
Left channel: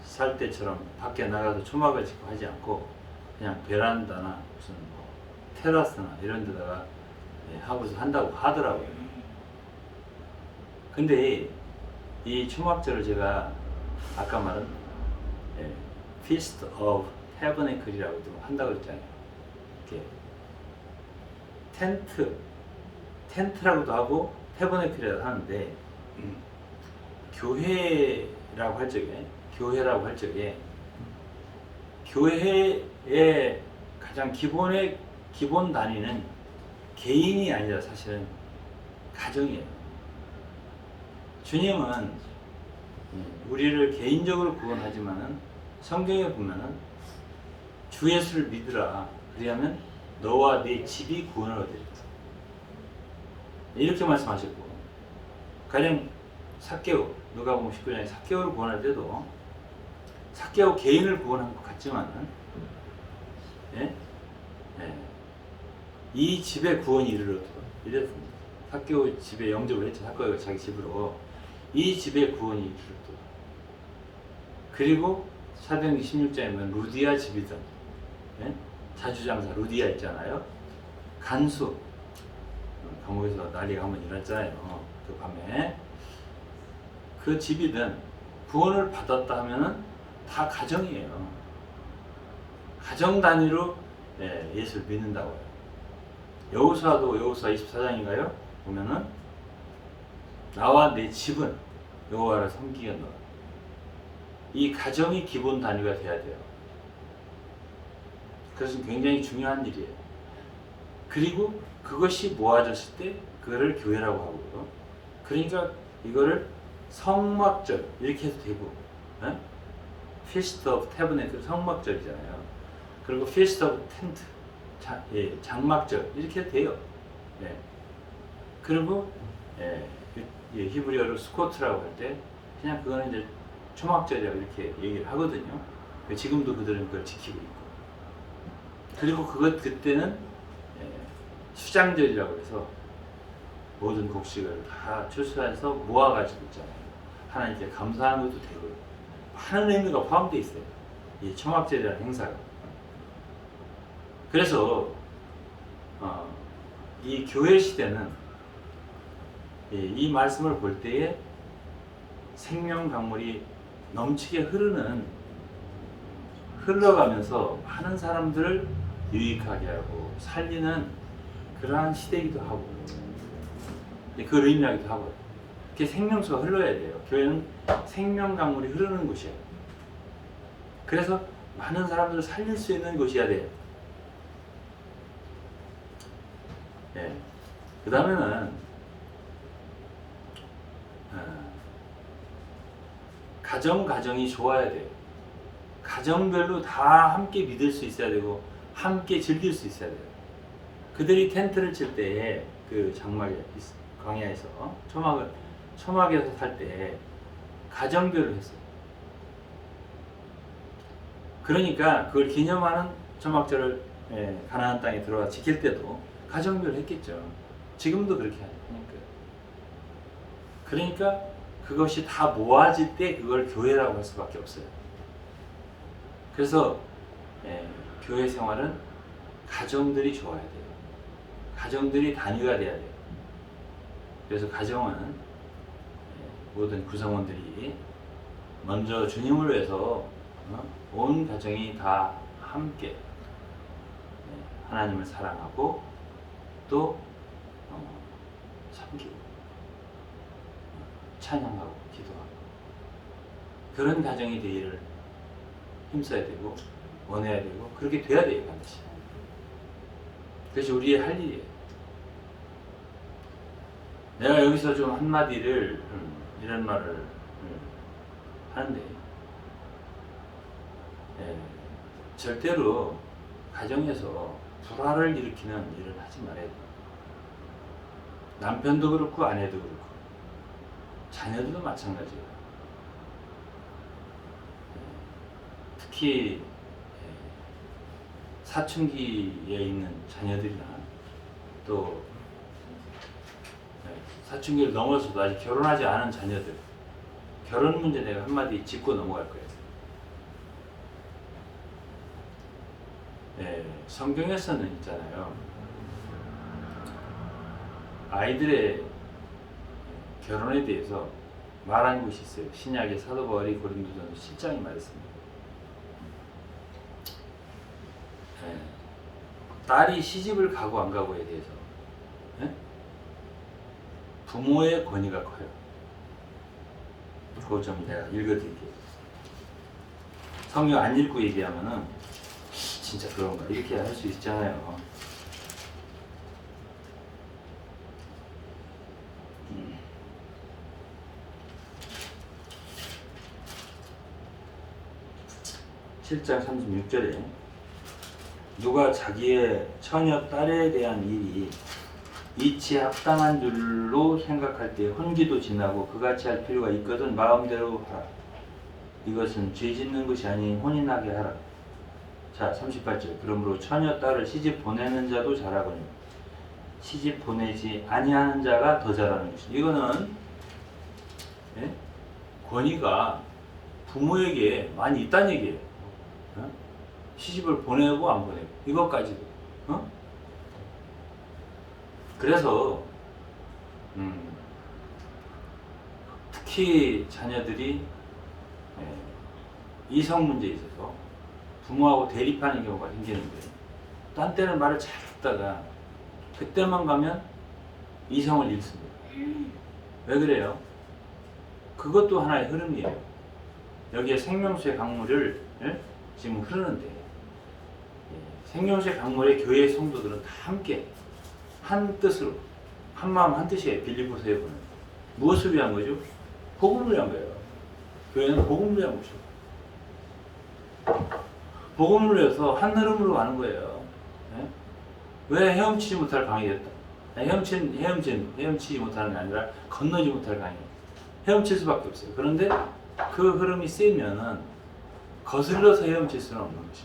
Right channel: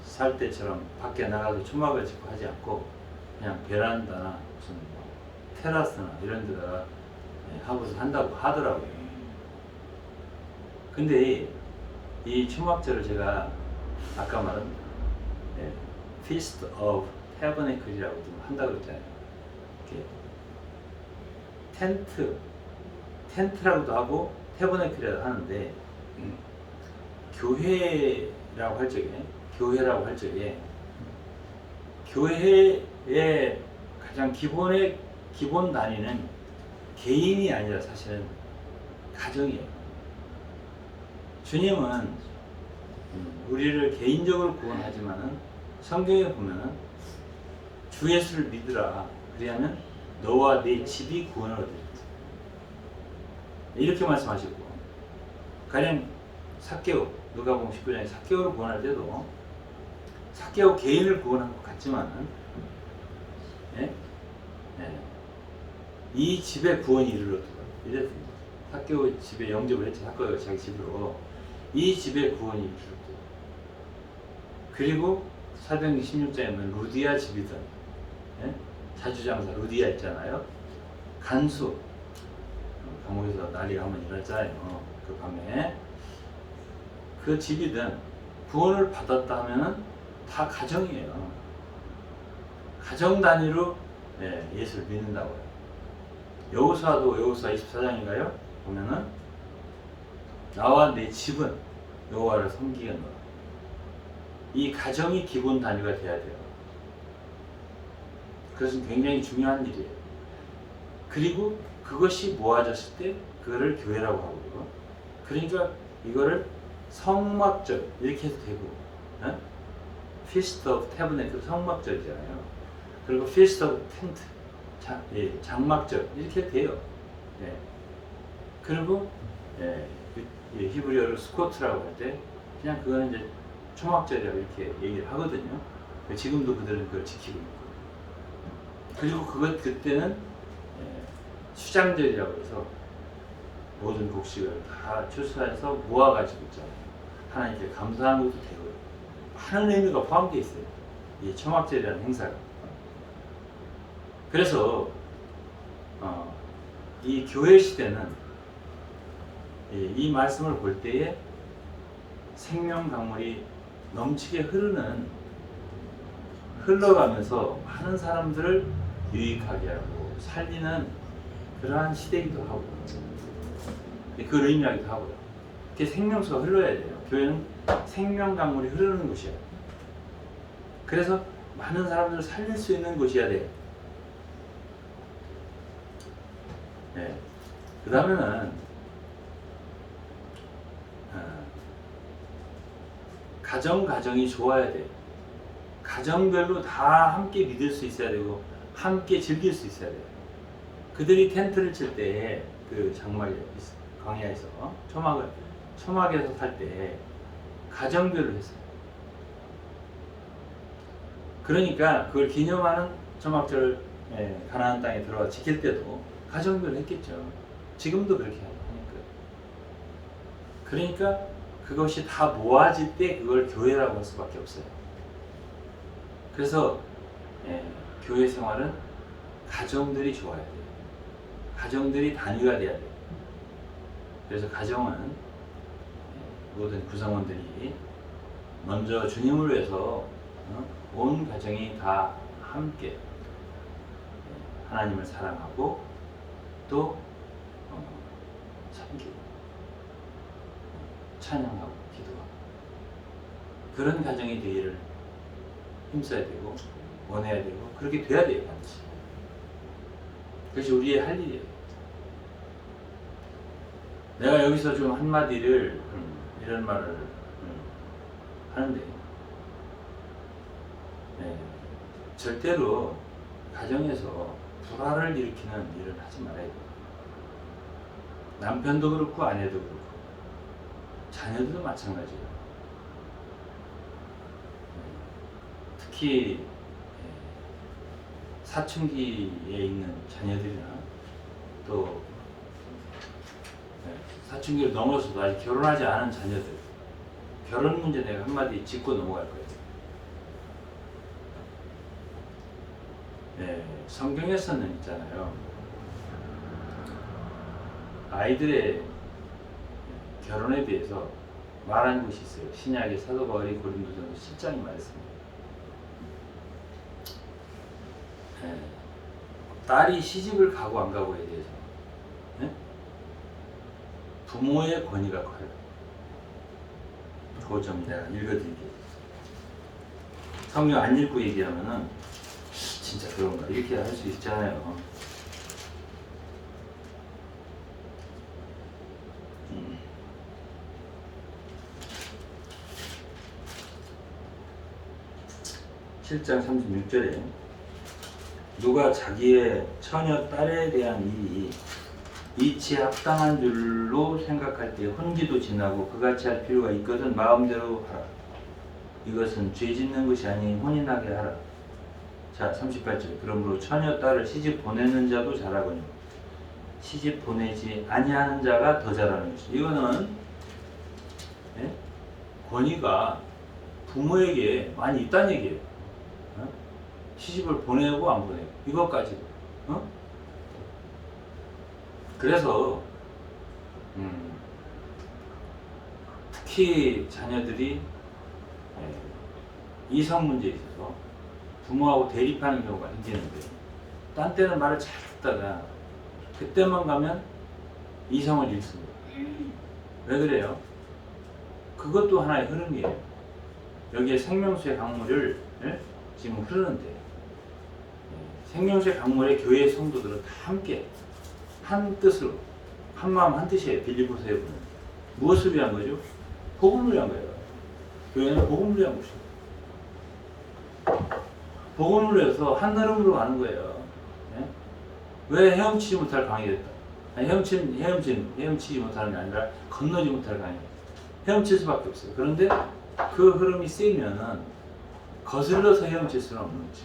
살 때처럼 밖에 나가서 초막을 짓고 하지 않고 그냥 베란다나 무슨 테라스나 이런 데다가 하고서 한다고 하더라고요. 근데 이 초막절을 제가 아까 말한 Feast of Tabernacle이라고도 한다고 그랬잖아요. 이렇게 텐트라고도 하고 태버네클이라고 하는데 교회라고 할 적에 교회의 가장 기본 단위는 개인이 아니라 사실은 가정이에요. 주님은 우리를 개인적으로 구원하지만은 성경에 보면은 주 예수를 믿으라 그리하면 너와 네 집이 구원을 얻으리라 이렇게 말씀하시고, 가령 삭개오, 누가복음 19장에 삭개오를 구원할 때도 삭개오 개인을 구원한 것 같지만은 이 집에 구원이 이르렀다 이랬습니다. 삭개오 집에 영접을 했죠. 삭개오가 자기 집으로. 이 집에 구원이 이르렀다. 그리고 사도행전 16장에 보면 루디아 집이든 자주장사 루디아 있잖아요. 간수 감옥에서 난리가 한번 일어났잖아요. 그 밤에 그 집이든 구원을 받았다 하면은 다 가정이에요. 가정 단위로 예수를 믿는다고요. 여호수아도 여호수아 24장인가요? 보면은 나와 내 집은 여호와를 섬기겠노라. 이 가정이 기본 단위가 돼야 돼요. 그것은 굉장히 중요한 일이에요. 그리고 그것이 모아졌을 때 그거를 교회라고 하고요. 그러니까 이거를 성막절 이렇게 해도 되고, Feast of Tabernacle 성막절이잖아요. 그리고 Feast of Tent 장막절 이렇게 해도 돼요. 그리고 히브리어로 스코트라고 할 때 그냥 그거는 이제 초막절이라고 이렇게 얘기를 하거든요. 지금도 그들은 그걸 지키고 있고. 그리고 그때는 수장절이라고 해서 모든 곡식을 다 추수해서 모아가지고 있잖아요. 하나님께 감사하는 것도 되고요. 많은 의미가 포함되어 있어요. 이 초막절이라는 행사가. 그래서 이 교회 시대는 이 말씀을 볼 때에 생명 강물이 넘치게 흘러가면서 많은 사람들을 유익하게 하고 살리는 그러한 시대이기도 하고, 그 의미하기도 하고요. 그게 생명수가 흘러야 돼요. 교회는 생명 강물이 흐르는 곳이에요. 그래서 많은 사람들을 살릴 수 있는 곳이어야 돼요. 그 다음에는 가정이 좋아야 돼요. 가정별로 다 함께 믿을 수 있어야 되고 함께 즐길 수 있어야 돼요. 그들이 텐트를 칠 때 그 장막에 광야에서 초막에서 살 때 가정별로 했어요. 그러니까 그걸 기념하는 초막절을 가나안 땅에 들어와 지킬 때도 가정별로 했겠죠. 지금도 그렇게 하니까. 그러니까 그것이 다 모아질 때 그걸 교회라고 할 수밖에 없어요. 그래서 교회 생활은 가정들이 좋아야 돼요. 가정들이 단위가 돼야 돼요. 그래서 가정은 모든 구성원들이 먼저 주님을 위해서 온 가정이 다 함께 하나님을 사랑하고 또 섬기고 찬양하고 기도하고 그런 가정이 되기를 힘써야 되고 원해야 되고 그렇게 돼야 돼요. 반드시. 그것이 우리의 할 일이에요. 내가 여기서 좀 한마디를 이런 말을 하는데 절대로 가정에서 불화를 일으키는 일은 하지 말아야 돼요. 남편도 그렇고 아내도 그렇고 자녀들도 마찬가지예요. 특히 사춘기에 있는 자녀들이나 또 사춘기를 넘어서도 아직 결혼하지 않은 자녀들, 결혼 문제 내가 한마디 짚고 넘어갈 거예요. 성경에서는 있잖아요. 아이들의 결혼에 대해서 말한 곳이 있어요. 신약의 사도 바울이 고린도전서 7장에 말했습니다. 딸이 시집을 가고 안 가고에 대해서 부모의 권위가 커요. 그거 좀 내가 읽어드릴게요. 성경 안 읽고 얘기하면은 진짜 그런가 이렇게 할 수 있잖아요. 음. 7장 36절에 누가 자기의 처녀 딸에 대한 일이 이치에 합당한 줄로 생각할 때 혼기도 지나고 그같이 할 필요가 있거든 마음대로 하라. 이것은 죄 짓는 것이 아니 혼인하게 하라. 자 38절 그러므로 처녀 딸을 시집 보내는 자도 잘하거니와 시집 보내지 아니하는 자가 더 잘하는 것이. 이거는 권위가 부모에게 많이 있다는 얘기예요. 시집을 보내고 안 보내고 이것까지도. 그래서 특히 자녀들이 이성 문제에 있어서 부모하고 대립하는 경우가 생기는데 딴 때는 말을 잘 했다가 그때만 가면 이성을 잃습니다. 왜 그래요? 그것도 하나의 흐름이에요. 여기에 생명수의 강물을 지금 흐르는데 생명수의 강물에 교회의 성도들은 다 함께 한 뜻으로 한 마음 한 뜻이에요. 빌립보서에 보면 무엇을 위한 거죠? 복음을 위한 거예요. 교회는 복음을 위한 곳이에요. 복음을 위해서 한 흐름으로 가는 거예요. 왜 헤엄치지 못할 강이 됐다? 아니, 헤엄치지 못하는 게 아니라 건너지 못할 강이 헤엄칠 수밖에 없어요. 그런데 그 흐름이 세면은 거슬러서 헤엄칠 수는 없는 거죠.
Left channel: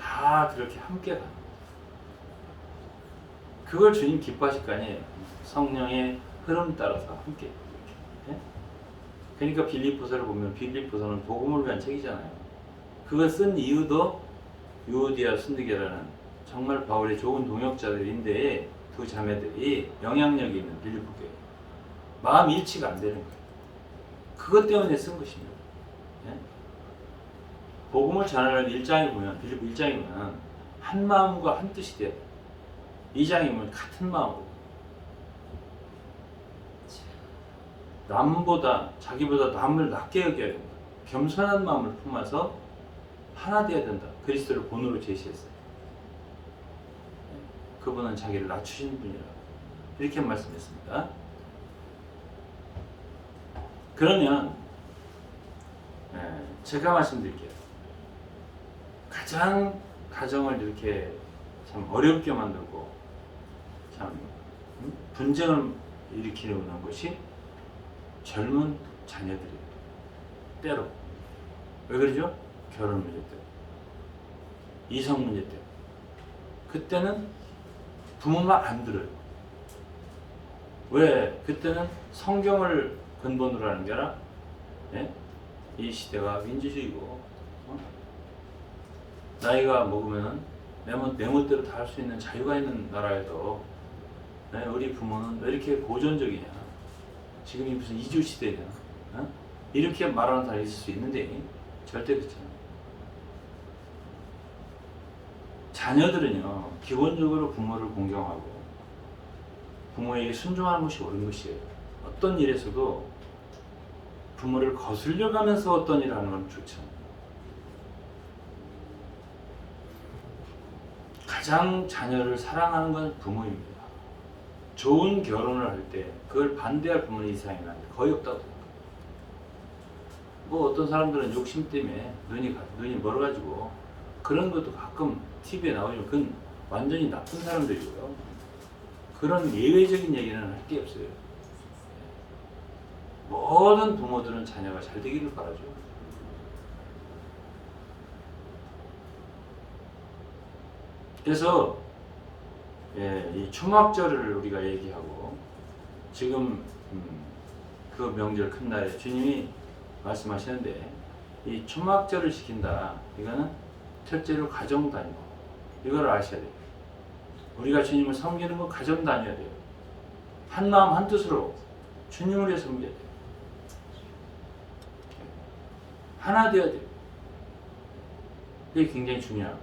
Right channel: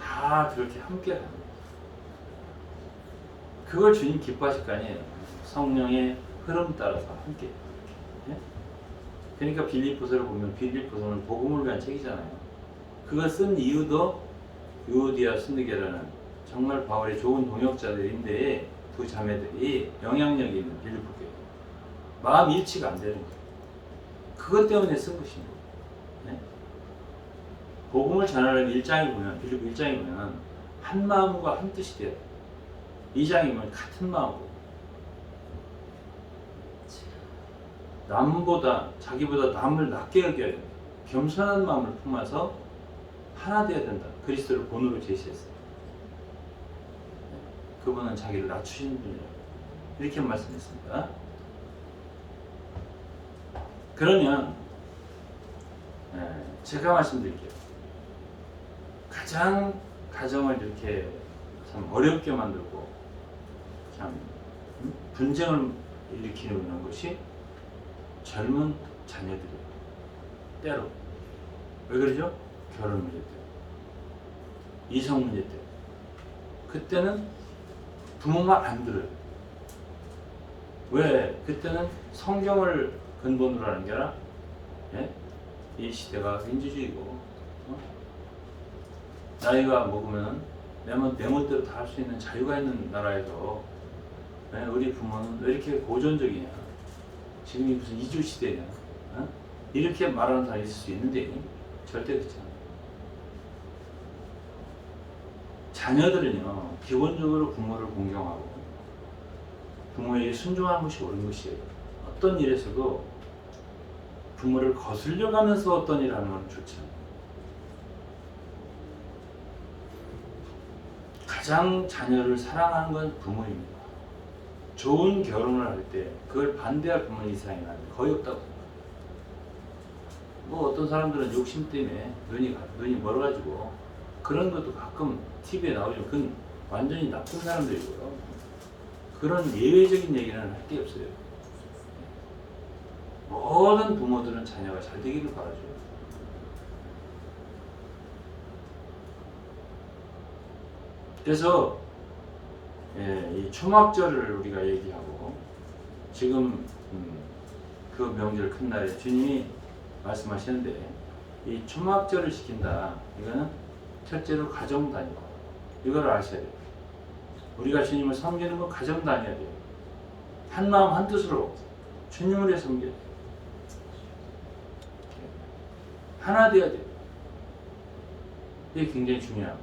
다 그렇게 함께 가는 거예요. 그걸 주님 기뻐하실 거 아니에요. 성령의 흐름 따라서 함께. 그러니까 빌립보서를 보면 빌립보서는 복음을 위한 책이잖아요. 그걸 쓴 이유도 유오디아 순디게라는 정말 바울의 좋은 동역자들인데 두 자매들이 영향력이 있는 빌립보 교회 마음 일치가 안 되는 거예요. 그것 때문에 쓴 것입니다. 복음을 전하는 1장에 보면 빌립보 1장에 보면 한 마음과 한 뜻이 돼요. 2장에 보면 같은 마음으로 남보다 자기보다 남을 낮게 여겨야 된다. 겸손한 마음을 품어서 하나 되어야 된다. 그리스도를 본으로 제시했어요. 그분은 자기를 낮추시는 분이라고 이렇게 말씀했습니다. 그러면 제가 말씀드릴게요. 가장 가정을 이렇게 참 어렵게 만들고 참 분쟁을 일으키는 것이 젊은 자녀들이에요. 때로. 왜 그러죠? 결혼 문제 때문에. 이성 문제 때문에. 그때는 부모 말 안 들어요. 왜? 그때는 성경을 근본으로 하는 게 아니라 이 시대가 민주주의고 나이가 먹으면 내 멋대로 다 할 수 있는 자유가 있는 나라에서 우리 부모는 왜 이렇게 고전적이냐, 지금이 무슨 이주 시대냐, 이렇게 말하는 사람이 있을 수 있는데 절대 그렇지 않아요. 자녀들은요 기본적으로 부모를 공경하고 부모에게 순종하는 것이 옳은 것이에요. 어떤 일에서도 부모를 거슬려 가면서 어떤 일을 하는 건 좋지 않아요. 가장 자녀를 사랑하는 건 부모입니다. 좋은 결혼을 할 때 그걸 반대할 부모는 이 세상에 거의 없다고 생각해요. 뭐 어떤 사람들은 욕심 때문에 눈이 멀어가지고 그런 것도 가끔 TV에 나오지만 그건 완전히 나쁜 사람들이고요. 그런 예외적인 얘기는 할 게 없어요. 모든 부모들은 자녀가 잘 되기를 바라죠. 그래서 이 초막절을 우리가 얘기하고 지금 그 명절 큰 날에 주님이 말씀하시는데 이 초막절을 지킨다. 이거는 첫째로 가정 단위고 이걸 아셔야 돼요. 우리가 주님을 섬기는 건 가정 단위여야 돼요. 한 마음 한 뜻으로 주님을 위해 섬겨야 돼요. 하나 되어야 돼요. 이게 굉장히 중요하고,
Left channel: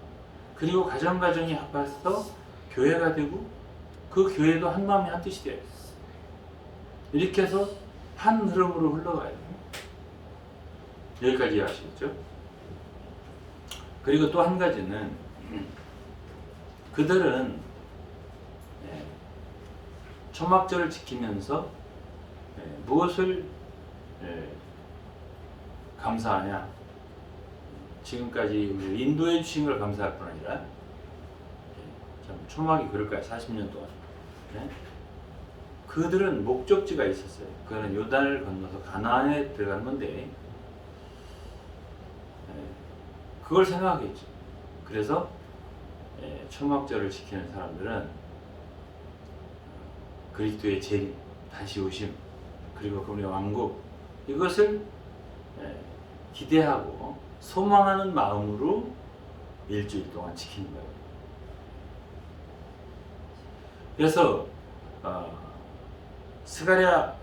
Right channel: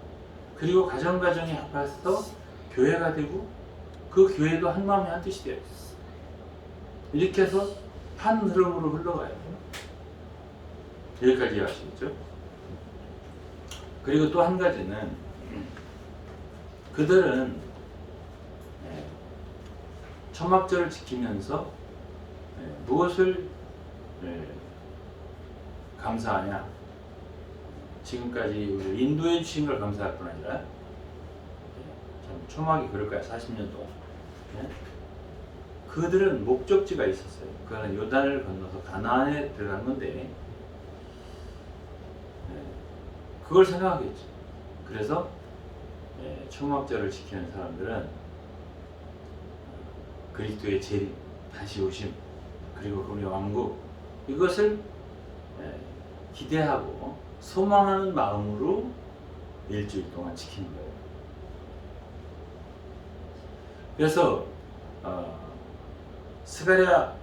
그리고 가정이 합해서 교회가 되고 그 교회도 한 마음이 한 뜻이 되어야 돼요. 이렇게 해서 한 흐름으로 흘러가야 돼요. 여기까지 이해하시겠죠? 그리고 또 한 가지는 그들은 초막절을 지키면서 무엇을 감사하냐? 지금까지 우리 인도해 주신 걸 감사할 뿐 아니라, 참 초막이 그럴까요? 40년 동안. 그들은 목적지가 있었어요. 그거는 요단을 건너서 가나안에 들어가는 건데, 그걸 생각하겠죠. 그래서 초막절을 지키는 사람들은 그리스도의 재림, 다시 오심, 그리고 그분의 왕국, 이것을 기대하고 소망하는 마음으로 일주일 동안 지키는 거예요. 그래서 스가랴,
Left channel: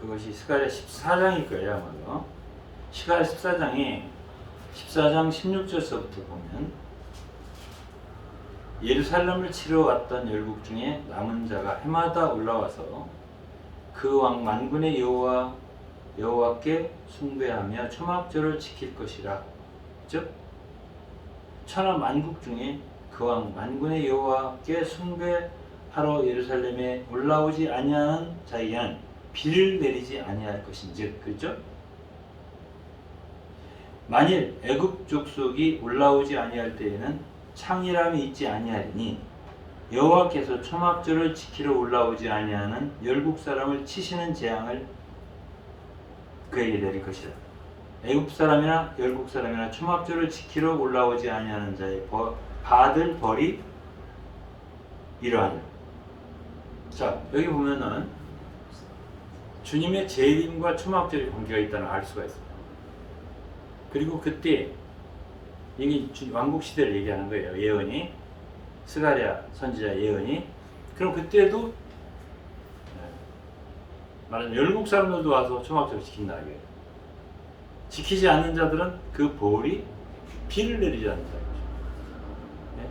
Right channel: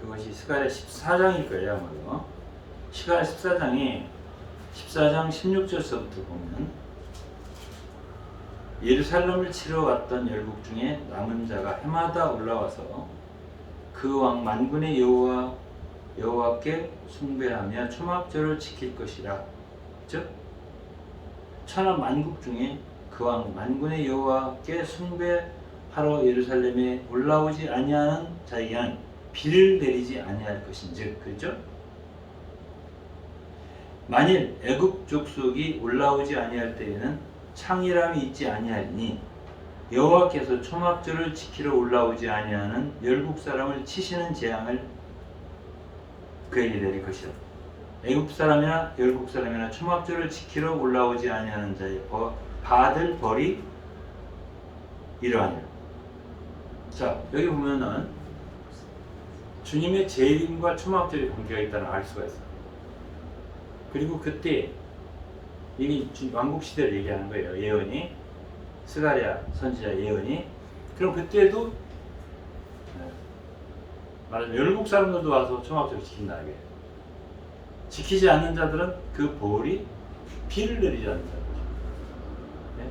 그것이 스가랴 14장일 거예요, 아마도. 스가랴 14장에 14장 16절서부터 보면, 예루살렘을 치러 갔던 열국 중에 남은 자가 해마다 올라와서 그 왕 만군의 여호와께 숭배하며 초막절을 지킬 것이라. 즉 천하 만국 중에 그 왕 만군의 여호와께 숭배하러 예루살렘에 올라오지 아니하는 자에게는 비를 내리지 아니할 것인즉, 그렇죠? 만일 애굽 족속이 올라오지 아니할 때에는 창이람이 있지 아니하리니 여호와께서 초막절을 지키러 올라오지 아니하는 열국 사람을 치시는 재앙을 그에게 내릴 것이라. 애굽 사람이나 열국 사람이나 초막절을 지키러 올라오지 아니하는 자의 받을 벌이 이러하니라. 자, 여기 보면은 주님의 재림과 초막절이 관계가 있다는 걸 알 수가 있어요. 그리고 그때 이게 왕국 시대를 얘기하는 거예요. 예언이, 스가랴 선지자 예언이. 그럼 그때도 말하자면 열국 사람들도 와서 초막절을 지킨다 이게. 지키지 않는 자들은 그 벌이 비를 내리지 않는다. 네?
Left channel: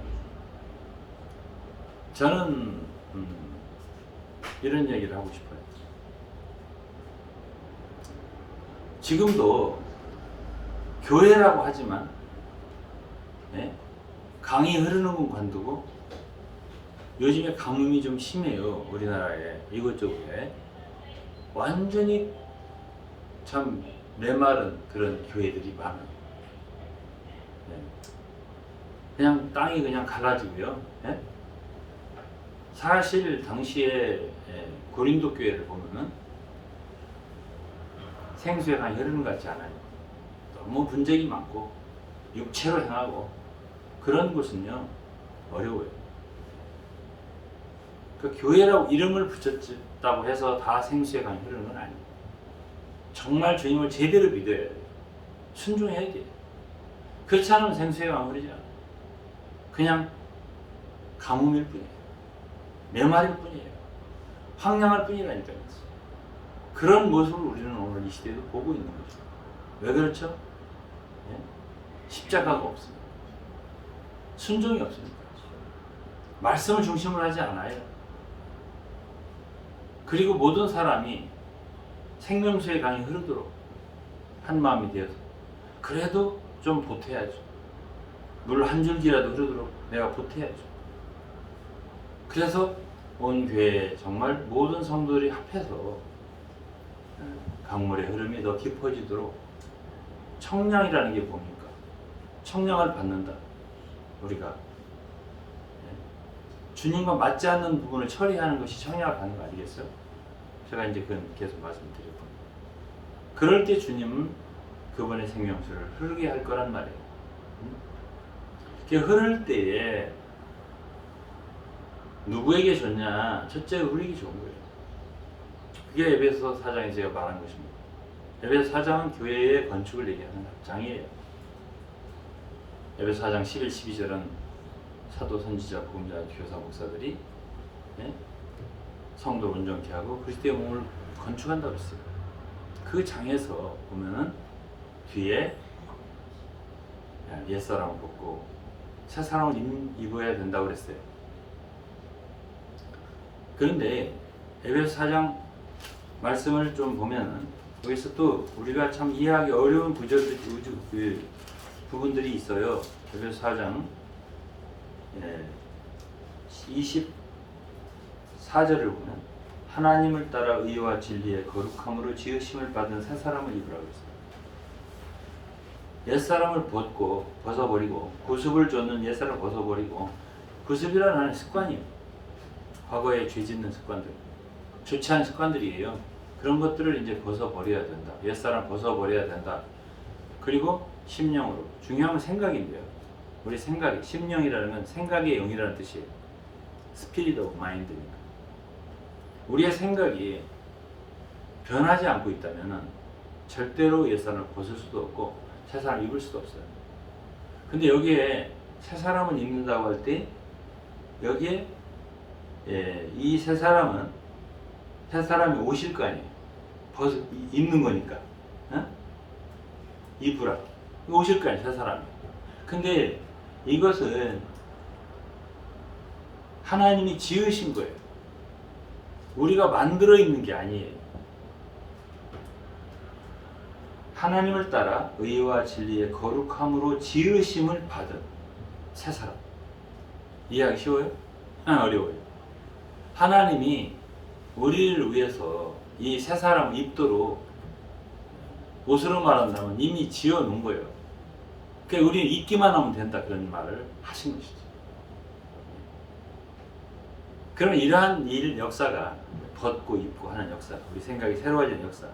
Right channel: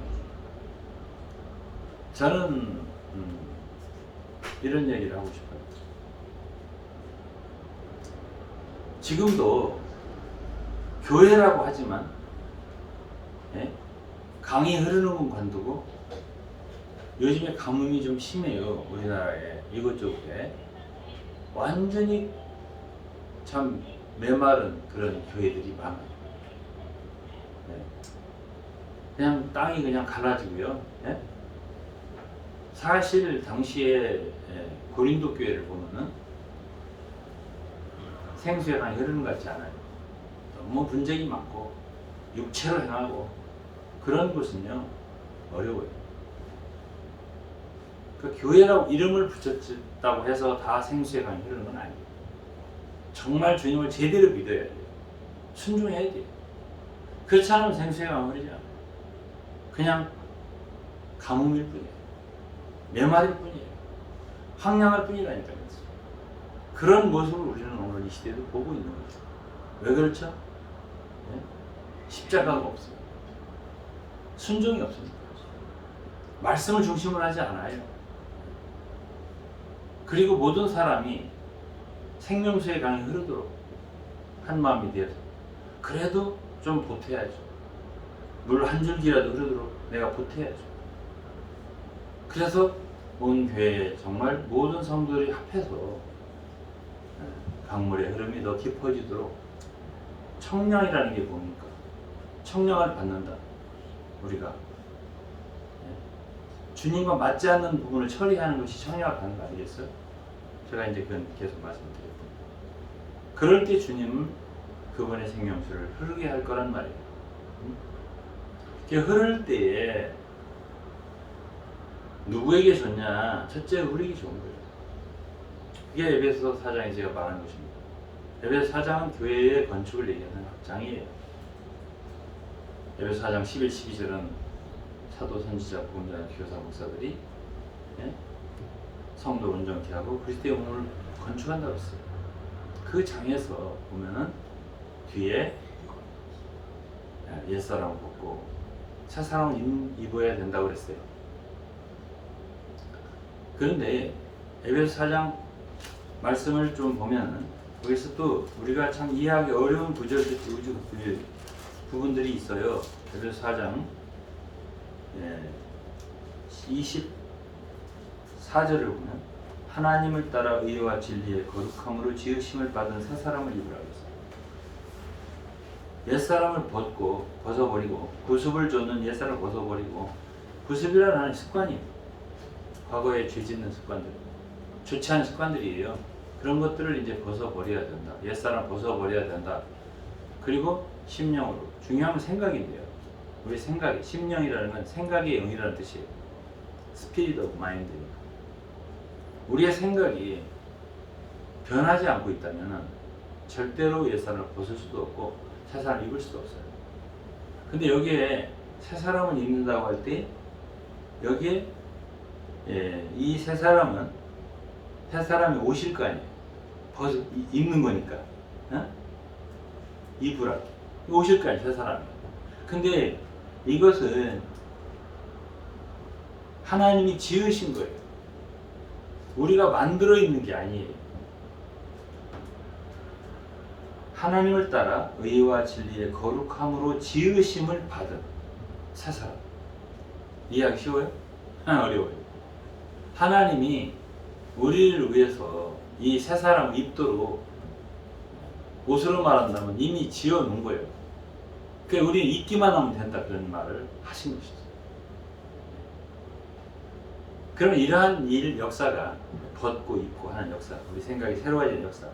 저는 이런 얘기를 하고 싶어요. 지금도 교회라고 하지만 강이 흐르는 건 관두고, 요즘에 가뭄이 좀 심해요. 우리나라에 이곳저곳에 완전히 참 메마른 그런 교회들이 많아요. 그냥 땅이 그냥 갈라지고요. 사실 당시에 고린도 교회를 보면은 생수의 강이 흐르는 것 같지 않아요. 너무 분쟁이 많고 육체로 행하고 그런 곳은요 어려워요. 그 교회라고 이름을 붙였다고 해서 다 생수의 강이 흐르는 건 아니에요. 정말 주님을 제대로 믿어야 돼요. 순종해야 돼요. 그렇지 않으면 생수의 강이 흐르지 않아요. 그냥 가뭄일 뿐이에요. 메마릴 뿐이에요. 황량할 뿐이라니까요. 그런 모습을 우리는 오늘 이 시대에도 보고 있는 거죠. 왜 그렇죠? 십자가가 없습니다. 순종이 없으니까. 말씀을 중심으로 하지 않아요. 그리고 모든 사람이 생명수의 강이 흐르도록 한 마음이 되어서, 그래도 좀 보태야죠. 물 한 줄기라도 흐르도록 내가 보태야죠. 그래서 온 교회에 정말 모든 성도들이 합해서 강물의 흐름이 더 깊어지도록, 청량이라는 게 뭡니까? 청량을 받는다. 우리가 주님과 맞지 않는 부분을 처리하는 것이 청량을 받는 거 아니겠어요? 제가 이제 그건 계속 말씀드렸고, 그럴 때 주님은 그분의 생명수를 흐르게 할 거란 말이에요. 이렇게 흐를 때에 누구에게 줬냐? 첫째 우리에게 좋은 거예요. 그게 에베소 4장에 제가 말한 것입니다. 에베소 4장은 교회의 건축을 얘기하는 장이에요. 에베소 4장 11, 12절은 사도, 선지자, 복음자, 교사, 목사들이 성도 온전케 하고 그리스도의 몸을 건축한다고 했어요. 그 장에서 보면은 뒤에 옛사람을 벗고 새 사람을 입어야 된다고 그랬어요. 그런데 에베소 4장 말씀을 좀 보면은 여기서 또 우리가 참 이해하기 어려운 부분들이 있어요. 에베소 4장 24절을 보면 하나님을 따라 의와 진리의 거룩함으로 지으심을 받은 새 사람을 입으라고 했어요. 옛사람을 벗어버리고 구습을 쫓는 옛사람을 벗어버리고, 구습이라는 습관이에요. 과거에 죄 짓는 습관들, 좋지 않은 습관들이에요. 그런 것들을 이제 벗어버려야 된다. 옛사람 벗어버려야 된다. 그리고 심령으로, 중요한 건 생각인데요. 우리 생각이, 심령이라는 건 생각의 영이라는 뜻이에요. 스피릿 오브 마인드니까. 우리의 생각이 변하지 않고 있다면 절대로 옛사람을 벗을 수도 없고 새 사람을 입을 수도 없어요. 근데 여기에 새 사람을 입는다고 할 때 여기에 이 새 사람은 새 사람이 오실 거 아니에요. 입는 거니까. 입으라. 오실 거 아니에요, 새 사람이. 근데 이것은 하나님이 지으신 거예요. 우리가 만들어 있는 게 아니에요. 하나님을 따라 의와 진리의 거룩함으로 지으심을 받은 새 사람. 이해하기 쉬워요? 어려워요. 하나님이 우리를 위해서 이 새 사람을 입도록, 옷으로 말한다면 이미 지어 놓은 거예요. 그러니까 우리는 입기만 하면 된다, 그런 말을 하신 것이죠. 그러면 이러한 역사가, 벗고 입고 하는 역사, 우리 생각이 새로워지는 역사,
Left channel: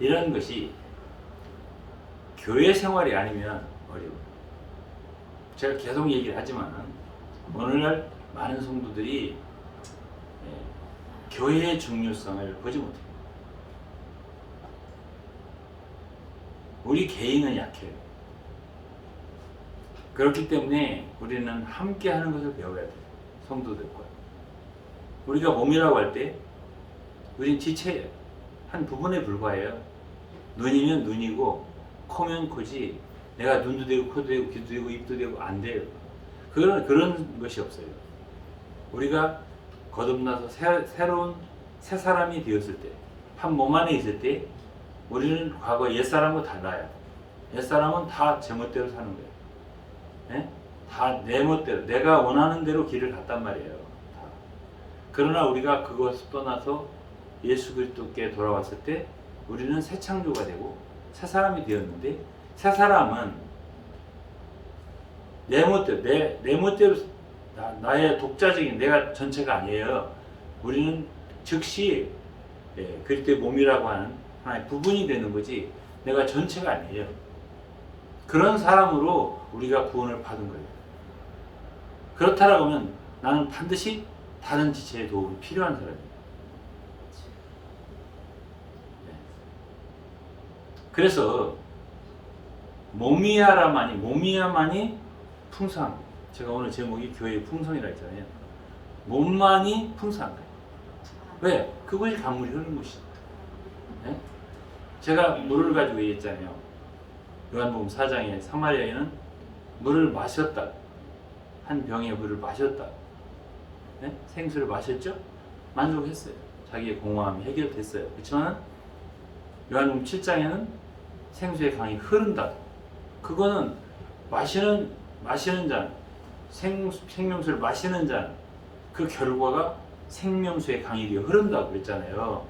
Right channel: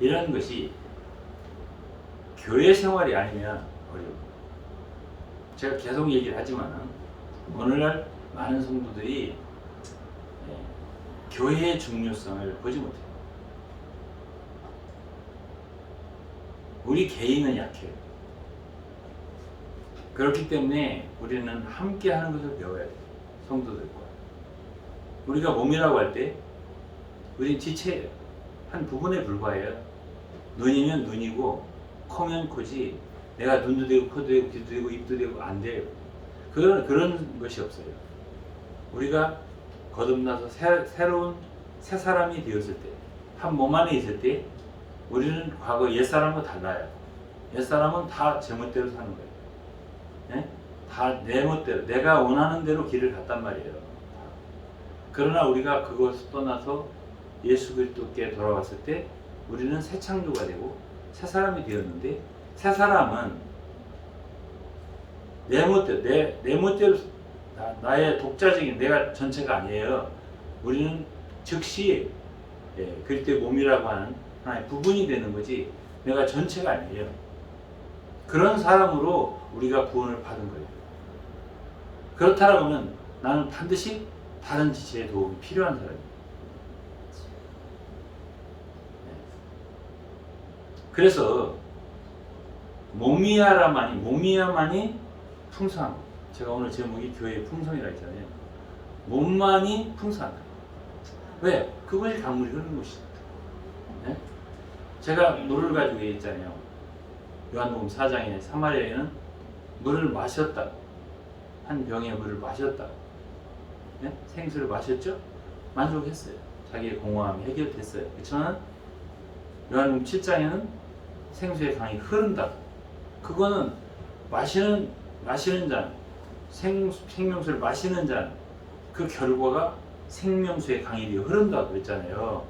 이런 것이 교회 생활이 아니면 어려워요. 제가 계속 얘기를 하지만 오늘날 많은 성도들이 교회의 중요성을 보지 못해요. 우리 개인은 약해요. 그렇기 때문에 우리는 함께 하는 것을 배워야 돼요. 성도들과. 우리가 몸이라고 할 때 우린 지체예요. 한 부분에 불과해요. 눈이면 눈이고 코면 코지, 내가 눈도 되고 코도 되고 귀도 되고 입도 되고 안 돼요. 그런 것이 없어요. 우리가 거듭나서 새로운 새 사람이 되었을 때, 한 몸 안에 있을 때 우리는 과거 옛사람과 달라요. 옛사람은 다 제 멋대로 사는 거예요. 네? 다 내 멋대로, 내가 원하는 대로 길을 갔단 말이에요. 다. 그러나 우리가 그것을 떠나서 예수 그리스도께 돌아왔을 때 우리는 새 창조가 되고 새 사람이 되었는데, 새 사람은 내 멋대로, 내 멋대로, 나의 독자적인 내가 전체가 아니에요. 우리는 즉시 그리스도의 몸이라고 하는 하나의 부분이 되는 거지 내가 전체가 아니에요. 그런 사람으로 우리가 구원을 받은 거예요. 그렇다라고 하면 나는 반드시 다른 지체의 도움이 필요한 사람이에요. 그래서 몸이야만이 풍성한 거예요. 제가 오늘 제목이 교회의 풍성이라 했잖아요. 몸만이 풍성한 거예요. 왜? 그것이 강물이 흐르는 것이죠. 네? 제가 물을 가지고 얘기했잖아요. 요한복음 4장에 사마리아 여인은 물을 마셨다. 한 병의 물을 마셨다. 네? 생수를 마셨죠? 만족했어요. 자기의 공허함이 해결됐어요. 그렇지만 요한복음 7장에는 생수의 강이 흐른다. 그거는 마시는 잔, 생명수를 마시는 잔, 그 결과가 생명수의 강이 되어 흐른다고 그랬잖아요.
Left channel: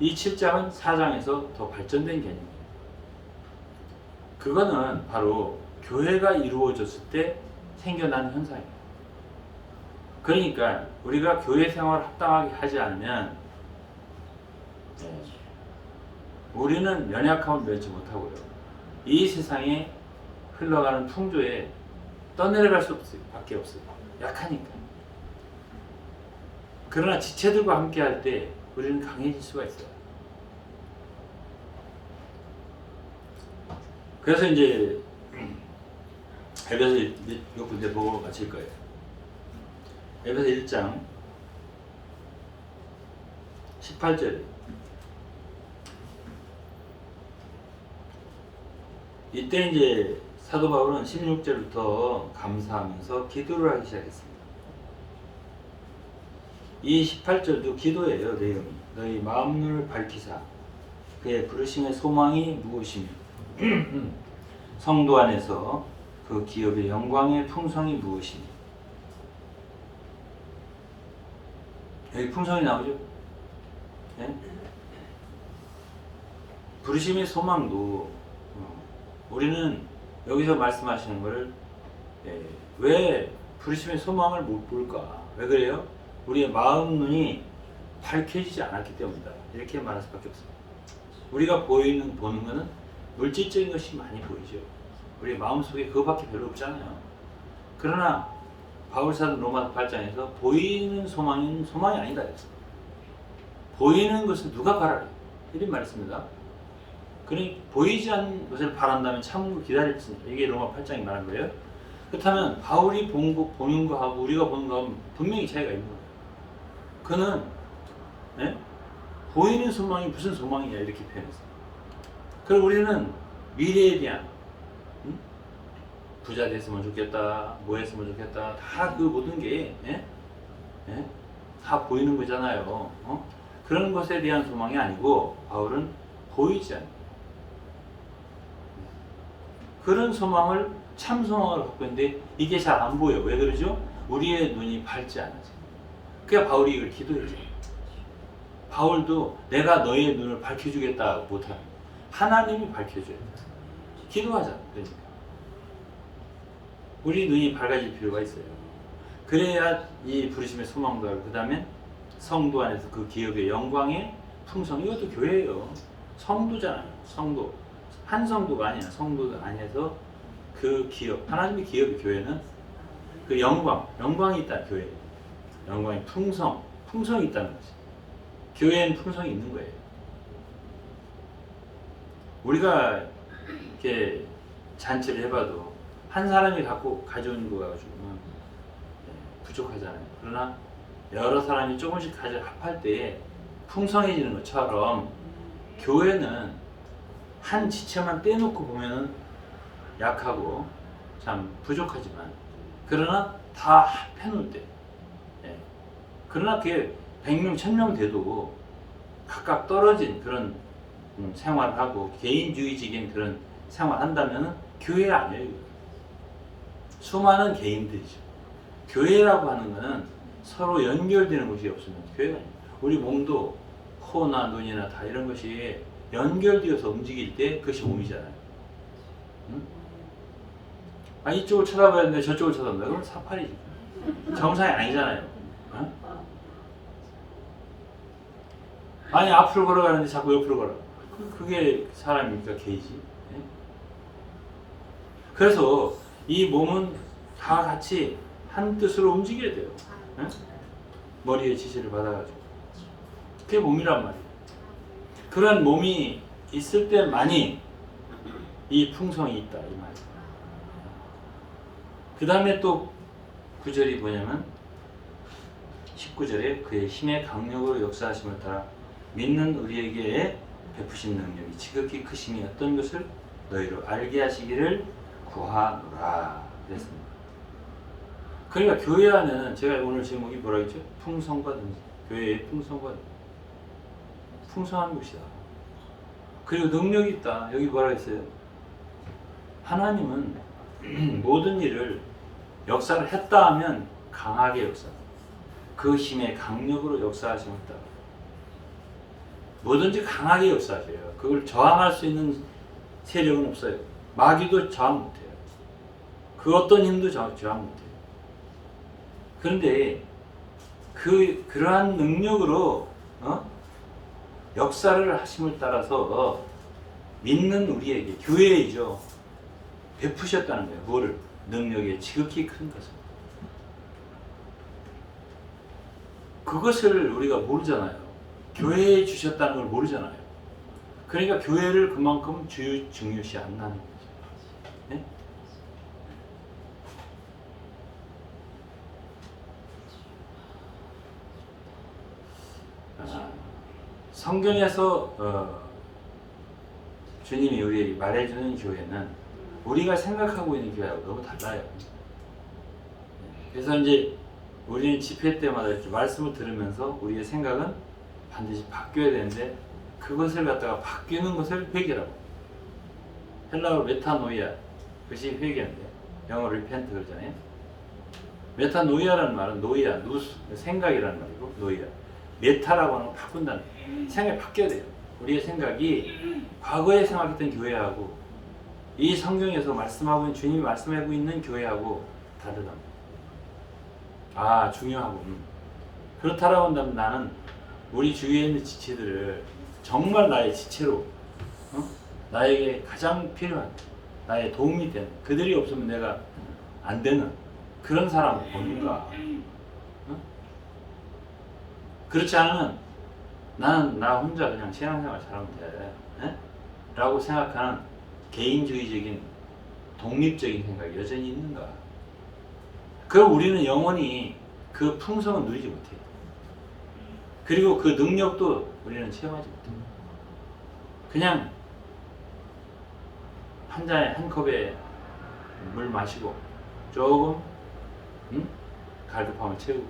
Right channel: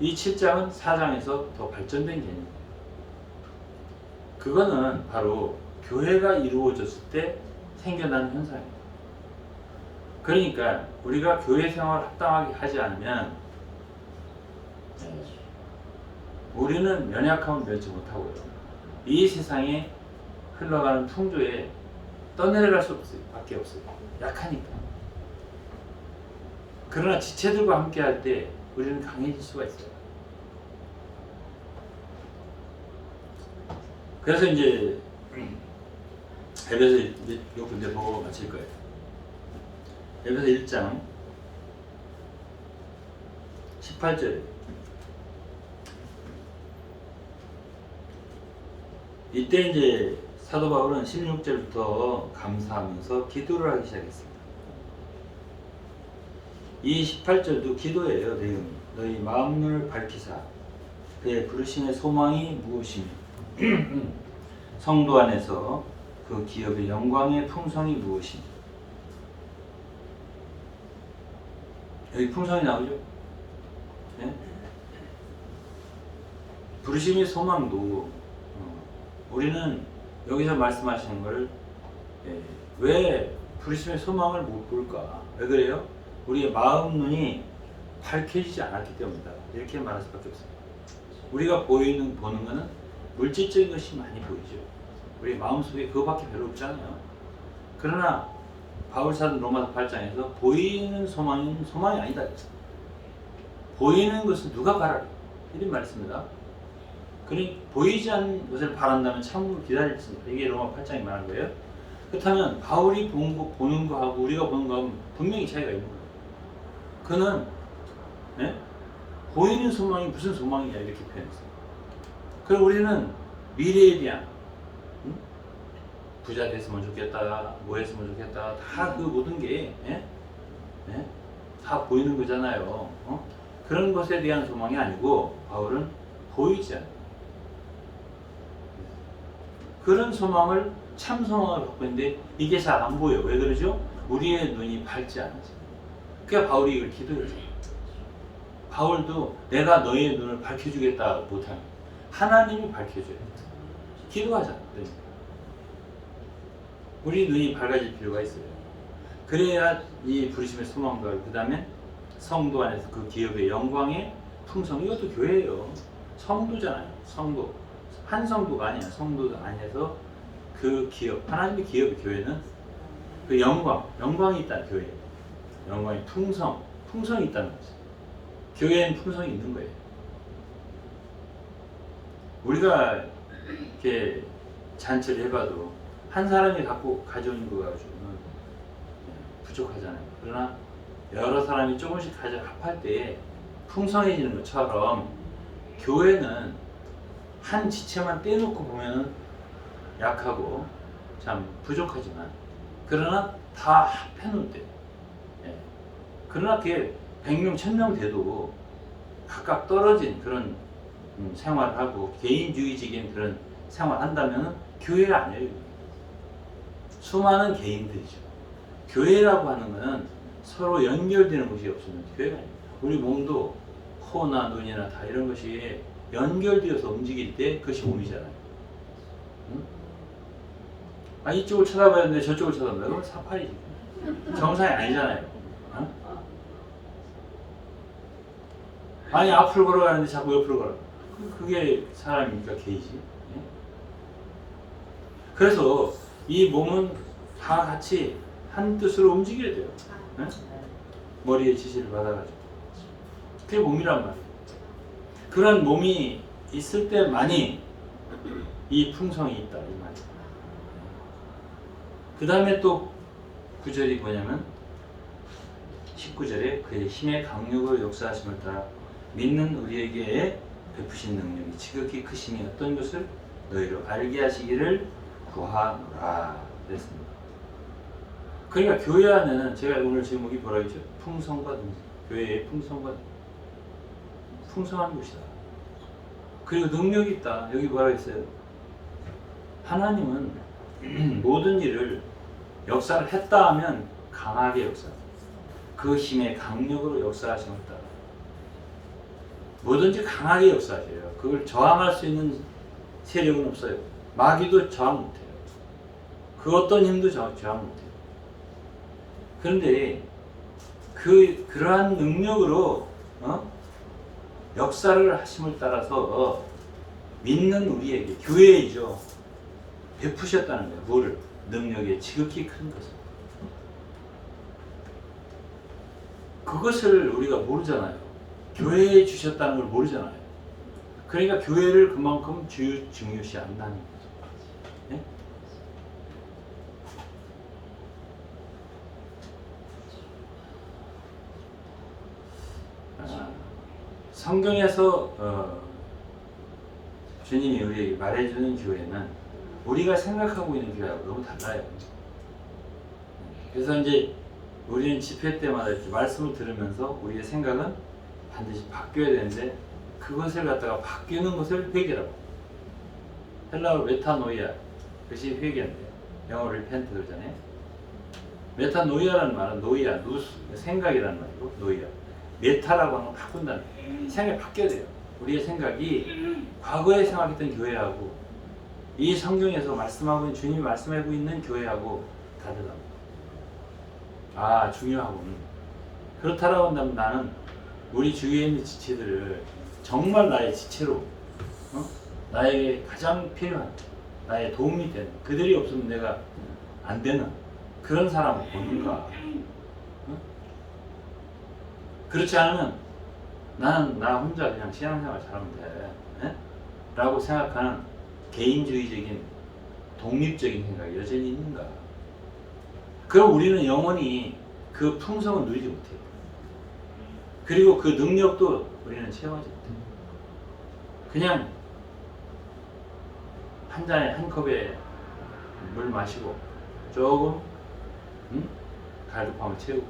이 7장은 4장에서 더 발전된 개념이에요. 그거는 바로 교회가 이루어졌을 때 생겨난 현상이에요. 그러니까 우리가 교회 생활을 합당하게 하지 않으면 우리는 연약함을 면치 못하고요. 이 세상에 흘러가는 풍조에 떠내려갈 수 없어요. 밖에 없어요. 약하니까. 그러나 지체들과 함께 할 때 우리는 강해질 수가 있어요. 그래서 이제 에베소 몇 군데 보고 마칠 거예요. 에베소 1장 18절. 이때 이제 사도 바울은 16절부터 감사하면서 기도를 하기 시작했습니다. 이 18절도 기도예요. 내용이. 너희 마음을 밝히사 그의 부르심의 소망이 무엇이며 성도 안에서 그 기업의 영광의 풍성이 무엇이며. 여기 풍성이 나오죠? 네? 부르심의 소망도 우리는 여기서 말씀하시는 걸 왜 부르심의 소망을 못 볼까? 왜 그래요? 우리의 마음 눈이 밝혀지지 않았기 때문이다. 이렇게 말할 수밖에 없습니다. 우리가 보는 거는 물질적인 것이 많이 보이죠. 우리 마음속에 그거밖에 별로 없잖아요. 그러나 바울사도 로마서 8장에서 보이는 소망은 소망이 아니다. 보이는 것을 누가 바라라? 이런 말했습니다. 그러니 보이지 않는 것을 바란다면 참으로 기다릴지. 이게 로마 8장이 말한 거예요. 그렇다면 바울이 보는 거하고 우리가 보는 거하고 분명히 차이가 있는 거예요. 그는 보이는 소망이 무슨 소망이냐 이렇게 표현했어요. 그리고 우리는 미래에 대한 부자 됐으면 좋겠다, 뭐 했으면 좋겠다, 다 그 모든 게 다 보이는 거잖아요. 그런 것에 대한 소망이 아니고 바울은 보이지 않는 그런 소망을 참 소망을 갖고 있는데 이게 잘 안 보여. 왜 그러죠? 우리의 눈이 밝지 않아서. 그러니까 바울이 이걸 기도했어요. 바울도 내가 너의 눈을 밝혀주겠다 못하는 하나님이 밝혀줘요. 기도하자. 그러니까 우리 눈이 밝아질 필요가 있어요. 그래야 이 부르심의 소망도 알고 그 다음에 성도 안에서 그 기업의 영광의 풍성. 이것도 교회예요. 성도잖아요. 성도. 한 성도가 아니야. 성도 안에서 그 기업, 하나님의 기업의 교회는 그 영광이 있다. 교회. 영광의 풍성이 있다는 거죠. 교회엔 풍성이 있는 거예요. 우리가 이렇게 잔치를 해봐도 한 사람이 가져오는 거 가지고는 부족하잖아요. 그러나 여러 사람이 조금씩 합할 때 풍성해지는 것처럼 교회는 한 지체만 떼놓고 보면 약하고 참 부족하지만 그러나 다 합해놓을 때 그러나 그게 100명, 1000명 돼도 각각 떨어진 그런 생활을 하고 개인주의적인 그런 생활을 한다면 교회가 아니에요. 수많은 개인들이죠. 교회라고 하는 것은 서로 연결되는 것이 없으면 교회가 아니에요. 우리 몸도 코나 눈이나 다 이런 것이 연결되어서 움직일 때 그것이 몸이잖아요. 이쪽을 쳐다봐야 되는데 저쪽을 쳐다본다. 그건 사팔이지. 정상이 아니잖아요. 아니 앞으로 걸어가는데 자꾸 옆으로 걸어. 그게 사람이니까 개이지. 그래서 이 몸은 다 같이 한 뜻으로 움직여야 돼요. 머리의 지시를 받아가지고. 그게 몸이란 말이에요. 그런 몸이 있을 때만이 이 풍성이 있다 이 말이에요. 그 다음에 또 9절이 뭐냐면 19절에 그의 힘의 강력으로 역사하심을 따라 믿는 우리에게 베푸신 능력이 지극히 크심이 어떤 것을 너희로 알게 하시기를 구하노라 그랬습니다. 그러니까 교회 안에는 제가 오늘 제목이 뭐라 했죠? 풍성과 능력. 교회의 풍성과 풍성한 곳이다. 그리고 능력이 있다. 여기 뭐라 했어요? 하나님은 모든 일을 역사를 했다 하면 강하게 역사합니다. 그 힘의 강력으로 역사하심을 따라 뭐든지 강하게 역사하세요. 그걸 저항할 수 있는 세력은 없어요. 마귀도 저항 못해요. 그 어떤 힘도 저항 못해요. 그런데 그러한 능력으로 역사를 하심을 따라서 믿는 우리에게 교회이죠. 베푸셨다는 거예요. 뭐를? 능력이 지극히 큰 것을. 그것을 우리가 모르잖아요. 교회에 주셨다는 걸 모르잖아요. 그러니까 교회를 그만큼 중요시 안 하는 거죠. 네? 성경에서 주님이 우리에게 말해주는 교회는 우리가 생각하고 있는 교회하고 너무 달라요. 그래서 이제 우리는 집회 때마다 이렇게 말씀을 들으면서 우리의 생각은 반드시 바뀌어야 되는데 그것을 갖다가 바뀌는 것을 회개라고. 헬라어로 메타노이아, 그것이 회개인데 영어로 리펜트 그러잖아요. 메타노이아라는 말은 노이아, 누스, 생각이라는 말이고 노이아. 메타라고 하는 건 바꾼다는 거예요. 생각이 바뀌어야 돼요. 우리의 생각이 과거에 생각했던 교회하고 이 성경에서 말씀하고 있는 주님이 말씀하고 있는 교회하고 다르다. 아, 중요하군. 그렇다라고 한다면 나는 우리 주위에 있는 지체들을 정말 나의 지체로 나에게 가장 필요한 나의 도움이 되는 그들이 없으면 내가 안 되는 그런 사람을 보는가. 그렇지 않으면 나는 나 혼자 그냥 신앙생활 잘하면 돼 라고 생각하는 개인주의적인 독립적인 생각이 여전히 있는가. 그럼 우리는 영원히 그 풍성을 누리지 못해요. 그리고 그 능력도 우리는 체험하지 못해요. 그냥 한 잔에 한 컵에 물 마시고 조금 갈급함을 채우고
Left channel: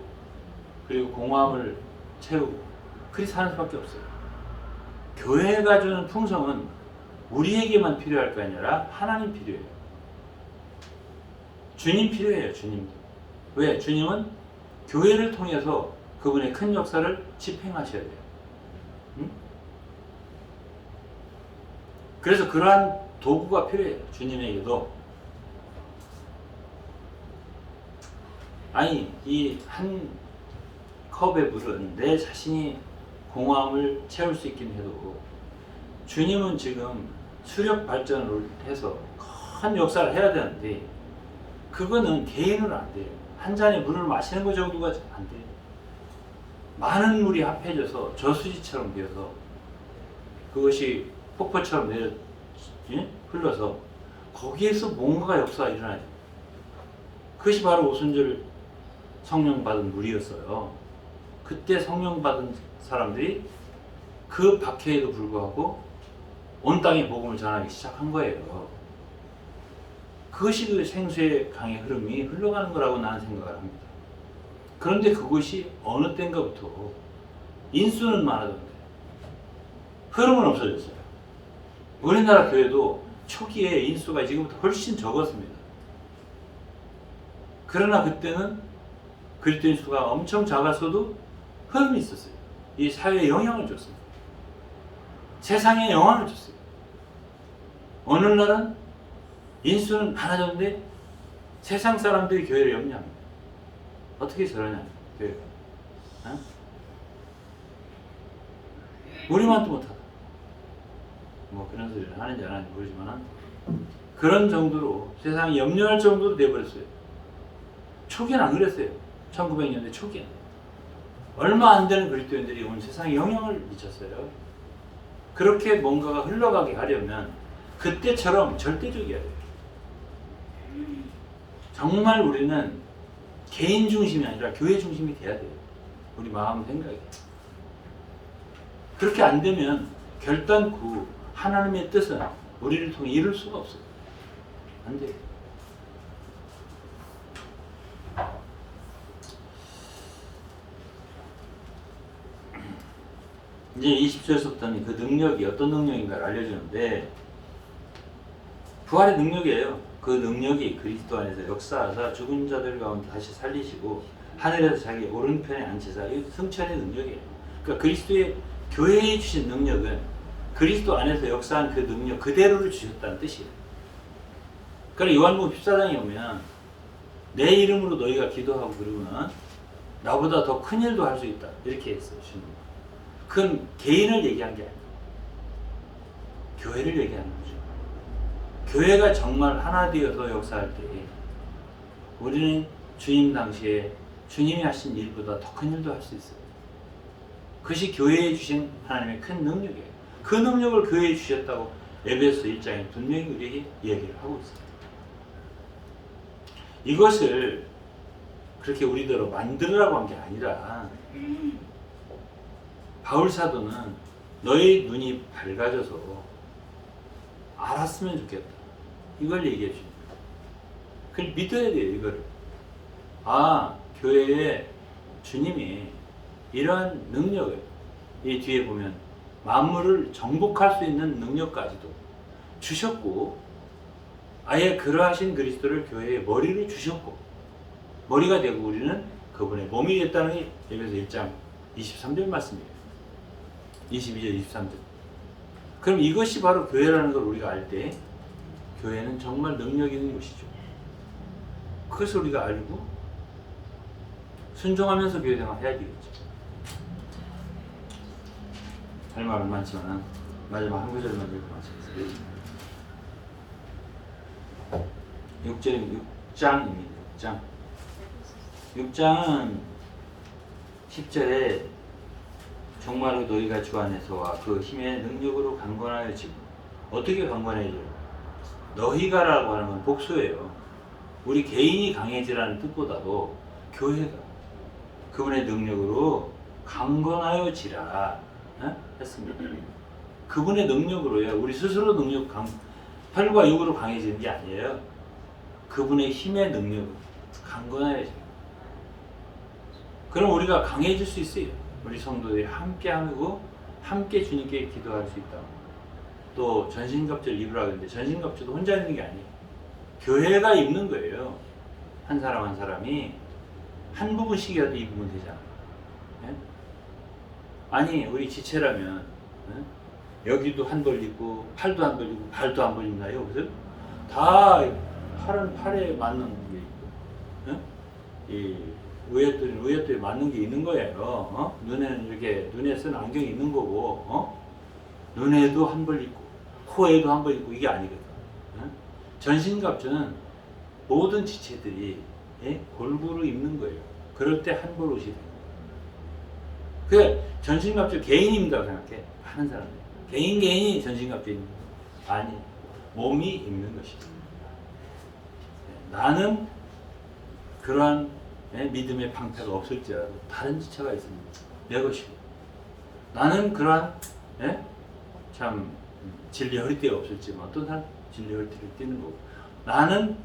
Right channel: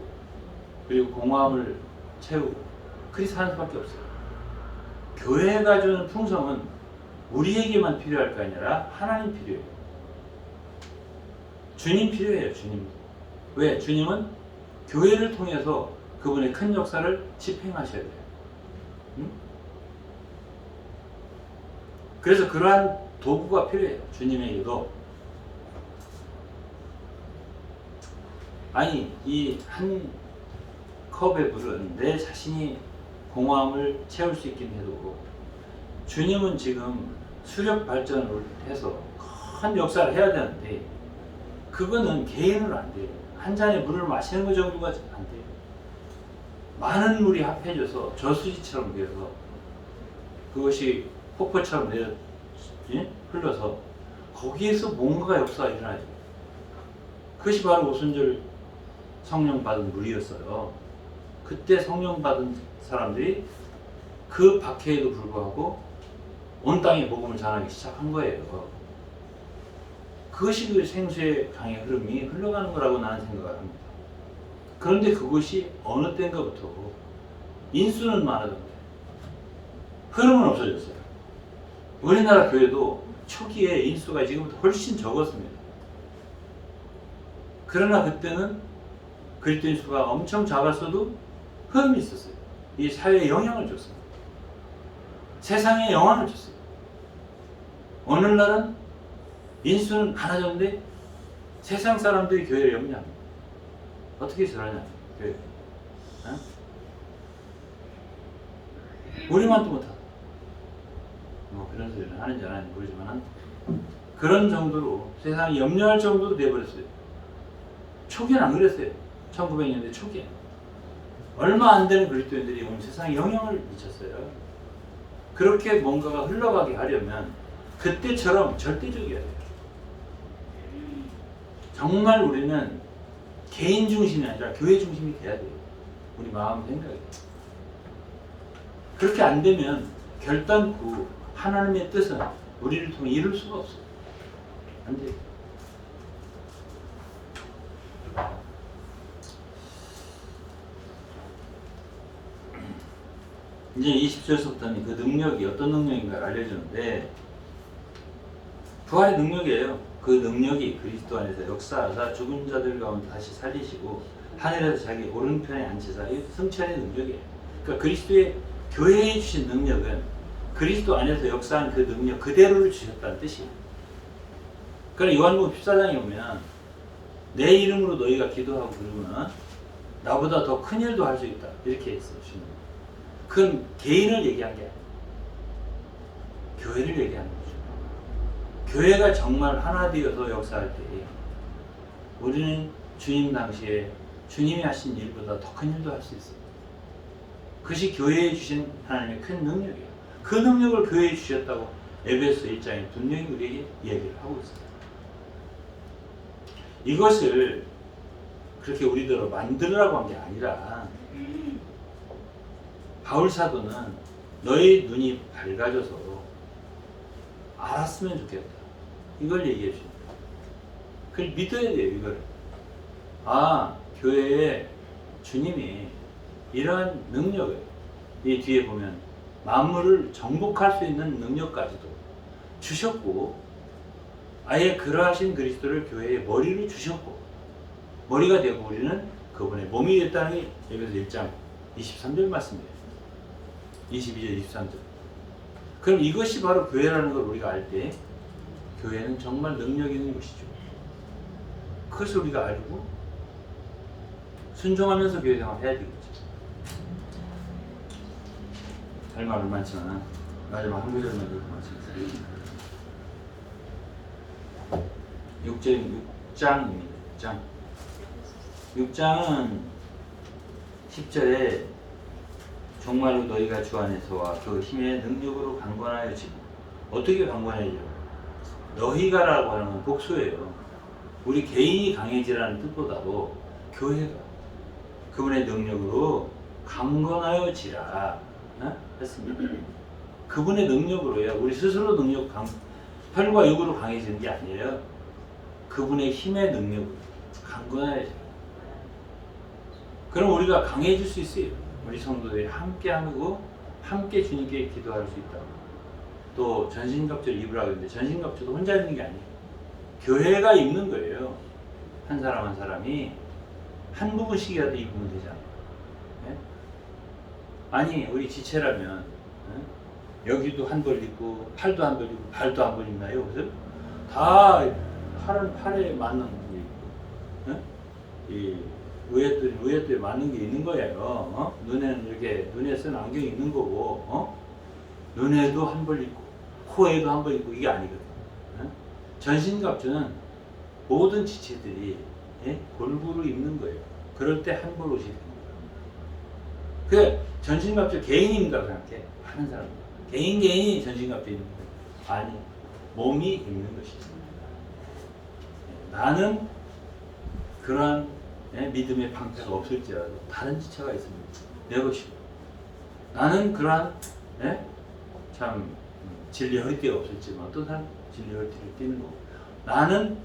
그리고 공허함을 채우고 그리 사는 수밖에 없어요. 교회가 주는 풍성은 우리에게만 필요할 거 아니라 하나님 필요해요. 주님 필요해요. 주님. 왜? 주님은 교회를 통해서 그분의 큰 역사를 집행하셔야 돼요. 그래서 그러한 도구가 필요해요. 주님에게도. 아니, 이 한 컵의 물은 내 자신이 공허함을 채울 수 있긴 해도 주님은 지금 수력 발전을 해서 큰 역사를 해야 되는데 그거는 개인으로 안 돼요. 한 잔의 물을 마시는 것 정도가 안 돼요. 많은 물이 합해져서 저수지처럼 되어서 그것이 폭포처럼 흘러서 거기에서 뭔가 역사가 일어나죠. 그것이 바로 오순절 성령 받은 물이었어요. 그때 성령 받은 사람들이 그 박해에도 불구하고 온 땅에 복음을 전하기 시작한 거예요. 그것이 그 생수의 강의 흐름이 흘러가는 거라고 나는 생각을 합니다. 그런데 그것이 어느 때인가부터 인수는 많아졌는데 흐름은 없어졌어요. 우리나라 교회도 초기에 인수가 지금부터 훨씬 적었습니다. 그러나 그때는 그리스도인 수가 엄청 작았어도 흐름이 있었어요. 이 사회에 영향을 줬습니다. 세상에 영향을 줬어요. 오늘날은 인수는 많아졌는데 세상 사람들이 교회를 염려합니다. 어떻게 저러냐, 교회. 우리만 또 못하다. 뭐 그런 소리를 하는지 안 하는지 모르지만 그런 정도로 세상이 염려할 정도로 돼버렸어요. 초기는 안 그랬어요. 1900년대 초기에는. 얼마 안 되는 그리스도인들이 오늘 세상에 영향을 미쳤어요. 그렇게 뭔가가 흘러가게 하려면 그때처럼 절대적이어야 돼요. 정말 우리는 개인 중심이 아니라 교회 중심이 돼야 돼요. 우리 마음 생각이. 그렇게 안 되면 결단코 하나님의 뜻은 우리를 통해 이룰 수가 없어요. 안 돼요. 이제 20절부터는 그 능력이 어떤 능력인가를 알려주는데 부활의 능력이에요. 그 능력이 그리스도 안에서 역사하사 죽은 자들 가운데 다시 살리시고 하늘에서 자기 오른편에 앉히사 이 승천의 능력이에요. 그러니까 그리스도의 교회에 주신 능력은 그리스도 안에서 역사한 그 능력 그대로를 주셨다는 뜻이에요. 그러니까 요한복음 14장에 보면 내 이름으로 너희가 기도하고 그러면 나보다 더 큰 일도 할 수 있다. 이렇게 했어요. 그건 개인을 얘기한 게 아니에요. 교회를 얘기하는 거죠. 교회가 정말 하나 되어서 역사할 때 우리는 주님 당시에 주님이 하신 일보다 더 큰 일도 할 수 있어요. 그것이 교회에 주신 하나님의 큰 능력이에요. 그 능력을 교회에 주셨다고 에베소 1장에 분명히 우리에게 이야기를 하고 있어요. 이것을 그렇게 우리대로 만들으라고 한 게 아니라 바울 사도는 너희 눈이 밝아져서 알았으면 좋겠다. 이걸 얘기해 줍니다. 그걸 믿어야 돼요, 이거를. 아, 교회에 주님이 이러한 능력을, 이 뒤에 보면 만물을 정복할 수 있는 능력까지도 주셨고, 아예 그러하신 그리스도를 교회의 머리로 주셨고, 머리가 되고 우리는 그분의 몸이 됐다는 게 에베소 1장 23절 말씀입니다. 22절, 23절. 그럼 이것이 바로 교회라는 걸 우리가 알 때 교회는 정말 능력 있는 곳이죠. 그것을 우리가 알고 순종하면서 교회 생활 해야 되겠죠. 할 말은 많지만 마지막 한 구절만 읽고 말씀드리겠습니다. 6장입니다. 6장은 10절에 정말로 너희가 주 안에서와 그 힘의 능력으로 강건하여지고, 어떻게 강건해져? 너희가라고 하는 건 복수예요. 우리 개인이 강해지라는 뜻보다도 교회가 그분의 능력으로 강건하여지라 했습니다. 그분의 능력으로요. 우리 스스로 혈과 육으로 강해지는 게 아니에요. 그분의 힘의 능력으로 강건하여지라. 그럼 우리가 강해질 수 있어요. 우리 성도들이 함께 하고 함께 주님께 기도할 수 있다. 또 전신갑주를 입으라 그랬는데 전신갑주도 혼자 입는 게 아니에요. 교회가 입는 거예요. 한 사람 한 사람이 한 부분씩이라도 입으면 되잖아요. 네? 아니 우리 지체라면 여기도 한 벌 입고 팔도 한 벌 입고 발도 한 벌 입나요? 그래서 다 팔에 맞는 게 있고, 이 의회들에 맞는 게 있는 거예요. 눈에는 이렇게 눈에 쓰는 안경이 있는 거고, 눈에도 한 벌 있고 코에도 한 벌 있고 이게 아니거든. 전신갑주는 모든 지체들이 골고루 입는 거예요. 그럴 때 한 벌 옷이 입는 거예요. 그래 전신갑주 개인이 입는다고 생각해. 하는 사람 개인이 전신갑주 입는 거예요. 아니 몸이 입는 것이죠. 나는 그러한 믿음의 방패가 없을지라도 다른 지체가 있습니다. 내 것이고, 나는 그러한 참 진리 허리띠가 없을지만 어떤 사람 진리 허리띠를 띠는 거고, 나는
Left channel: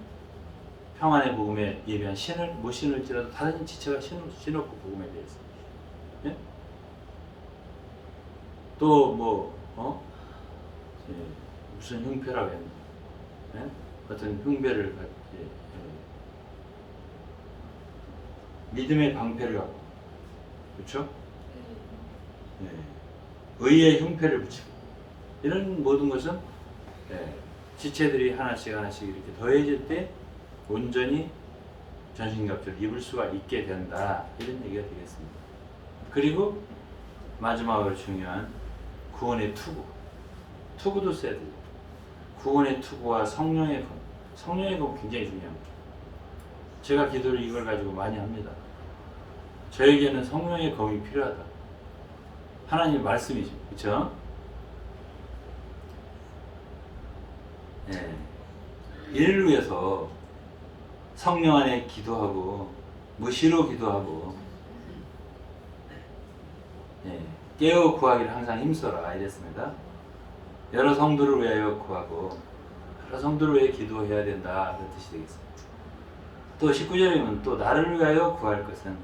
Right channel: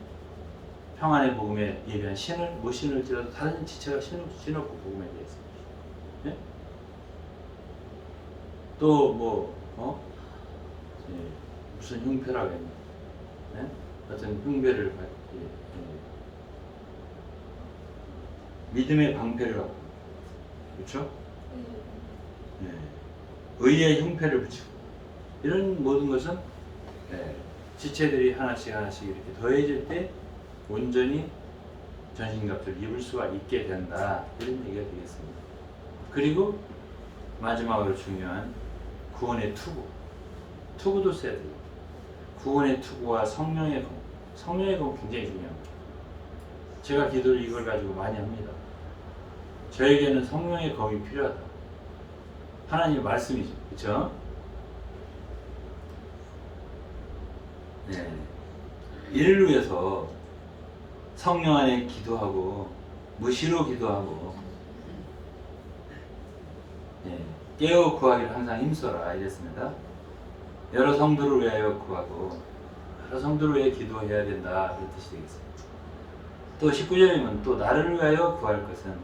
평안의 복음에 예비한 신을 못 신을지라도 다른 지체가 신었고 복음에 대해서 또 무슨 흉패라고 했나, 어떤 흉배를 믿음의 방패를 갖고, 그렇죠? 의의 흉패를 붙이고, 이런 모든 것은 지체들이 하나씩 이렇게 더해질 때 온전히 전신갑주를 입을 수가 있게 된다, 이런 얘기가 되겠습니다. 그리고 마지막으로 중요한 구원의 투구도 써야 돼요. 구원의 투구와 성령의 검 굉장히 중요합니다. 제가 기도를 이걸 가지고 많이 합니다. 저에게는 성령의 검이 필요하다. 하나님의 말씀이죠. 그렇죠? 이를 위해서 성령 안에 기도하고 무시로 기도하고 깨어 구하기를 항상 힘써라 이랬습니다. 여러 성도를 위하여 구하고 여러 성도를 위해 기도해야 된다, 그런 뜻이 되겠습니다. 또 19절이면 또 나를 위하여 구할 것은,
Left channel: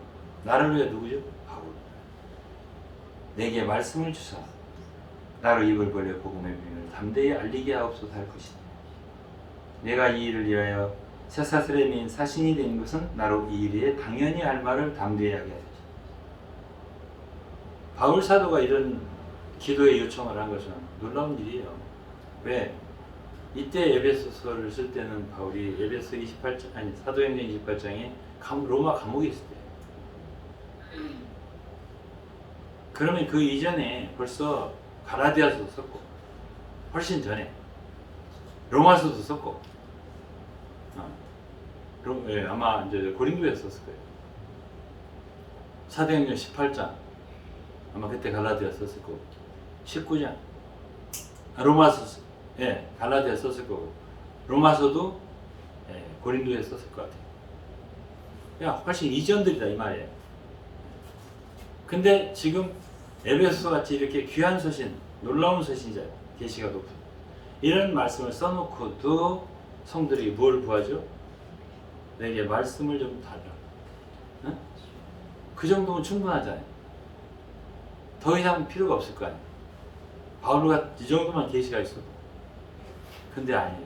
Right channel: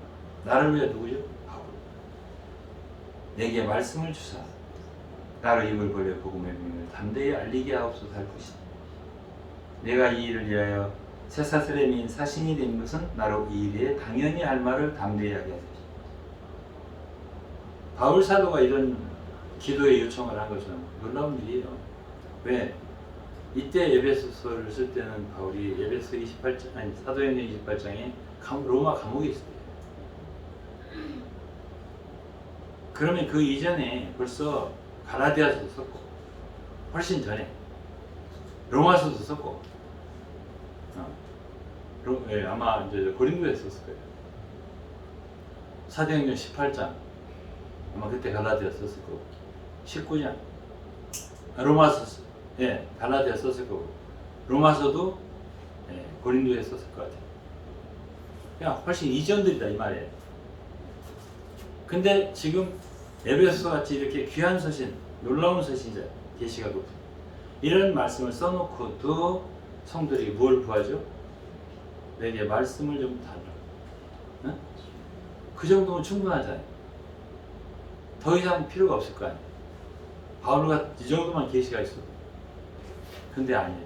나를 위해 누구죠? 바울. 내게 말씀을 주사 나로 입을 벌려 복음의 비밀을 담대히 알리게 하옵소서 할 것이니, 내가 이 일을 위하여 쇠사슬의 사신이 된 것은 나로 이 일에 당연히 할 말을 담대히 하게 하소서. 바울 사도가 이런 기도의 요청을 한 것은 놀라운 일이에요. 왜? 이때 에베소서를 쓸 때는 바울이 사도행전 28장에 로마 감옥에 있을 때, 그러면 그 이전에 벌써 갈라디아서도 썼고, 훨씬 전에 로마서도 썼고, 아마 이제 고린도에서 썼을 거예요. 사도행전 18장 아마 그때 갈라디아 썼을 거고, 19장 로마서 갈라디아 썼을 거고, 로마서도 고린도에 썼을 것 같아요. 그냥 훨씬 이전들이다 이 말이에요. 근데 지금 에베소서 같이 이렇게 귀한 서신, 놀라운 서신이잖아요. 계시가 높은 이런 말씀을 써놓고도 성들이 뭘 구하죠? 내게 말씀을 좀 달라. 응? 그 정도면 충분하잖아요. 더 이상 필요가 없을 거 아니에요. 바울가 이 정도만 계시가 있어도. 근데 아니에요.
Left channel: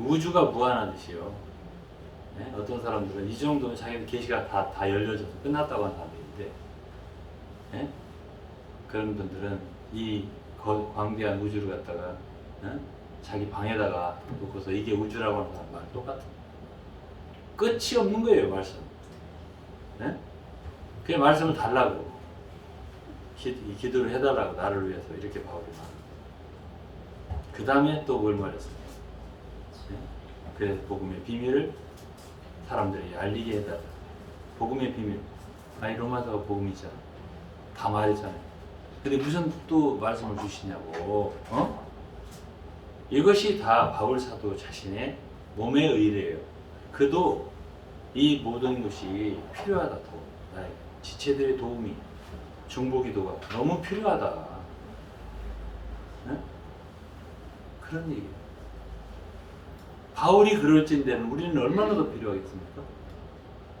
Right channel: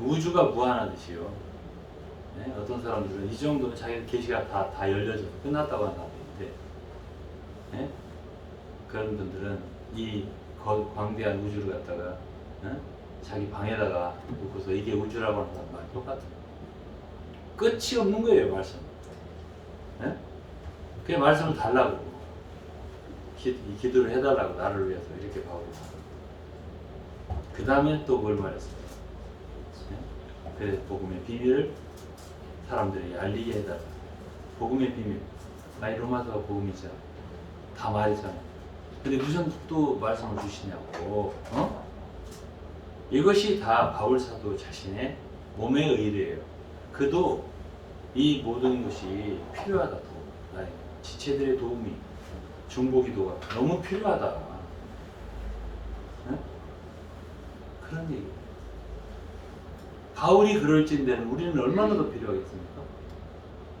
우주가 무한하듯이요. 네? 어떤 사람들은 이 정도면 자기 계시가 다 열려져서 끝났다고 한다는데, 네? 그런 분들은 이 광대한 우주를 갖다가 자기 방에다가 놓고서 이게 우주라고 하는 사람과 똑같아. 끝이 없는 거예요, 말씀. 네? 그 말씀을 달라고 기도를 해달라고 나를 위해서 이렇게 바울이 말하고 그 다음에 또 뭘 말했어요? 네? 그 복음의 비밀을 사람들이 알리게 해달라. 복음의 비밀. 아니 로마서가 복음이잖아요. 다 말했잖아요. 근데 무슨 또 말씀을 주시냐고. 이것이 다 바울 사도 자신의 몸의 의례예요. 그도 이 모든 것이 필요하다. 또 나에게 지체들의 도움이 중보기도가 너무 필요하다. 네? 그런 얘기예요. 바울이 그럴진데는 우리는 얼마나 더 필요하겠습니까?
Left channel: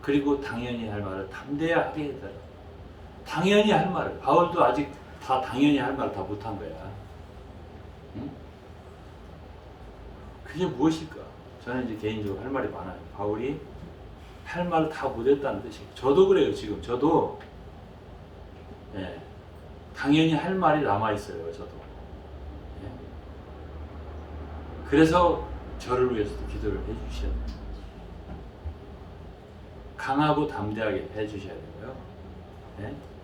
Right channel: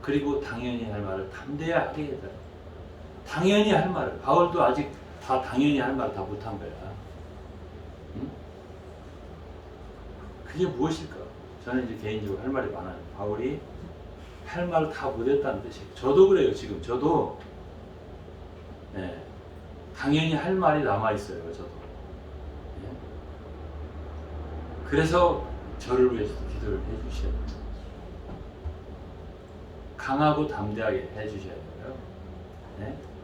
그리고 당연히 할 말을 담대하게 해달라. 당연히 할 말을. 바울도 아직 다 당연히 할 말을 다 못한 거야. 응? 그게 무엇일까? 저는 이제 개인적으로 할 말이 많아요. 바울이 할 말을 다 못했다는 뜻이에요. 저도 그래요. 지금 저도 당연히 할 말이 남아있어요. 저도. 그래서 저를 위해서도 기도를 해주셔야 돼요. 강하고 담대하게 해주셔야 되고요.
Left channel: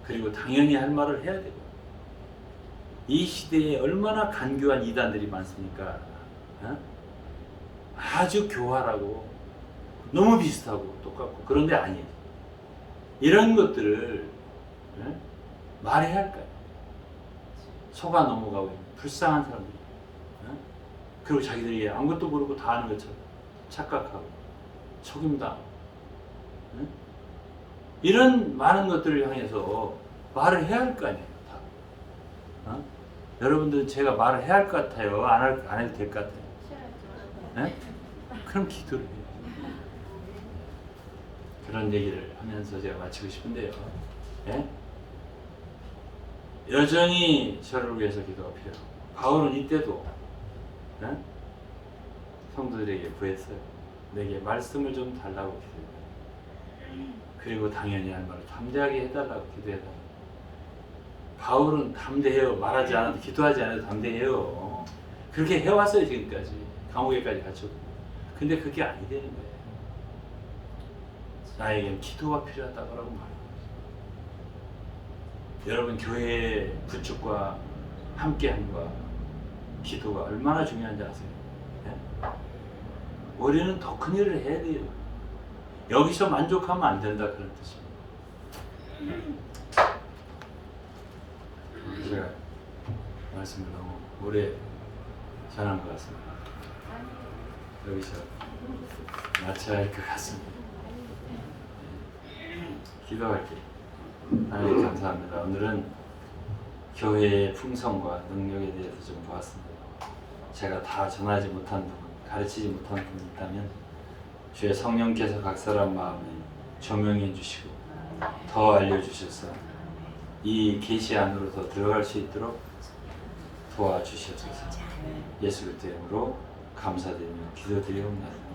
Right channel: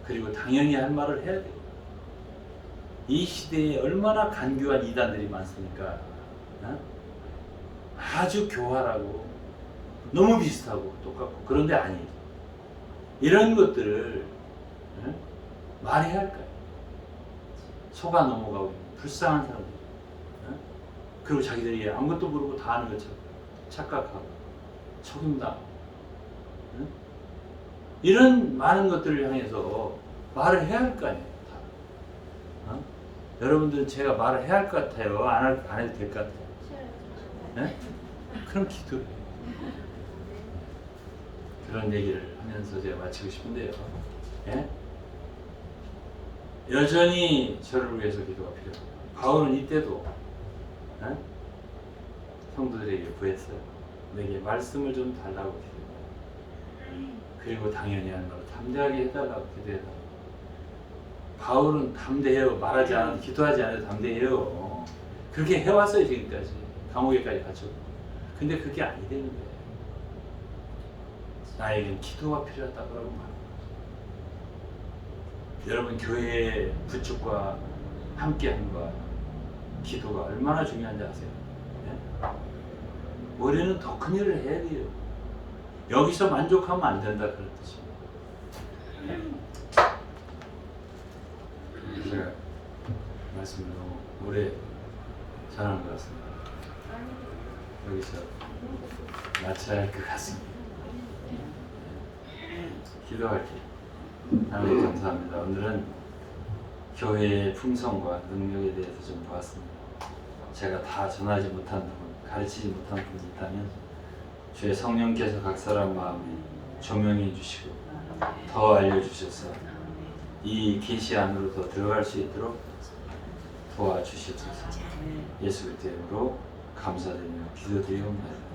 그리고 당연히 할 말을 해야 되고. 이 시대에 얼마나 간교한 이단들이 많습니까? 아주 교활하고 너무 비슷하고 똑같고 그런데 아니에요. 이런 것들을 말해야 할까요? 속아 넘어가고 있는 불쌍한 사람들. 그리고 자기들이 아무것도 모르고 다 아는 것처럼 착각하고 속임당. 이런 많은 것들을 향해서 말을 해야 할 거 아니에요. 다. 여러분들은 제가 말을 해야 할 것 같아요? 안 해도 될 것 같아요? 그럼 기도를 해요. 그런 얘기를 하면서 제가 마치고 싶은데요. 여전히 저를 위해서 기도가 필요해요. 바울은 이때도 성도들에게 구했어요. 내게 말씀을 좀 달라고 기도해요. 그리고 당연히 할 말을 담대하게 해달라고 기도해달라고. 바울은 담대해요. 말하지 않아도 기도하지 않아도 담대해요. 그렇게 해왔어요. 지금까지 감옥에까지 갇혔고. 근데 그게 아니 되는 거예요. 나에겐 기도가 필요하다고 말하는 거예요. 여러분 교회의 구축과 함께함과 기도가 얼마나 중요한지 아세요? 우리는 더 큰 일을 해야 돼요. 여기서 만족하면 안 된다 그런 뜻입니다. 제가 말씀을 너무 오래 전한 것 같습니다. 여기서 마쳐야 할 것 같습니다. 기도할 때 하나님 감사합니다. 오늘은 교회의 품성과 능력에 대해서 좀 보았습니다. 제가 다 전하지 못한 부분, 가르치지 못한 부분이 있다면 주의 성령께서 각 사람 마음에 조명해 주시고 더 알려주셔서 이 계시 안으로 더 들어갈 수 있도록 도와주시옵소서. 예수 그리스도 이름으로 감사드리며 기도드리옵나이다.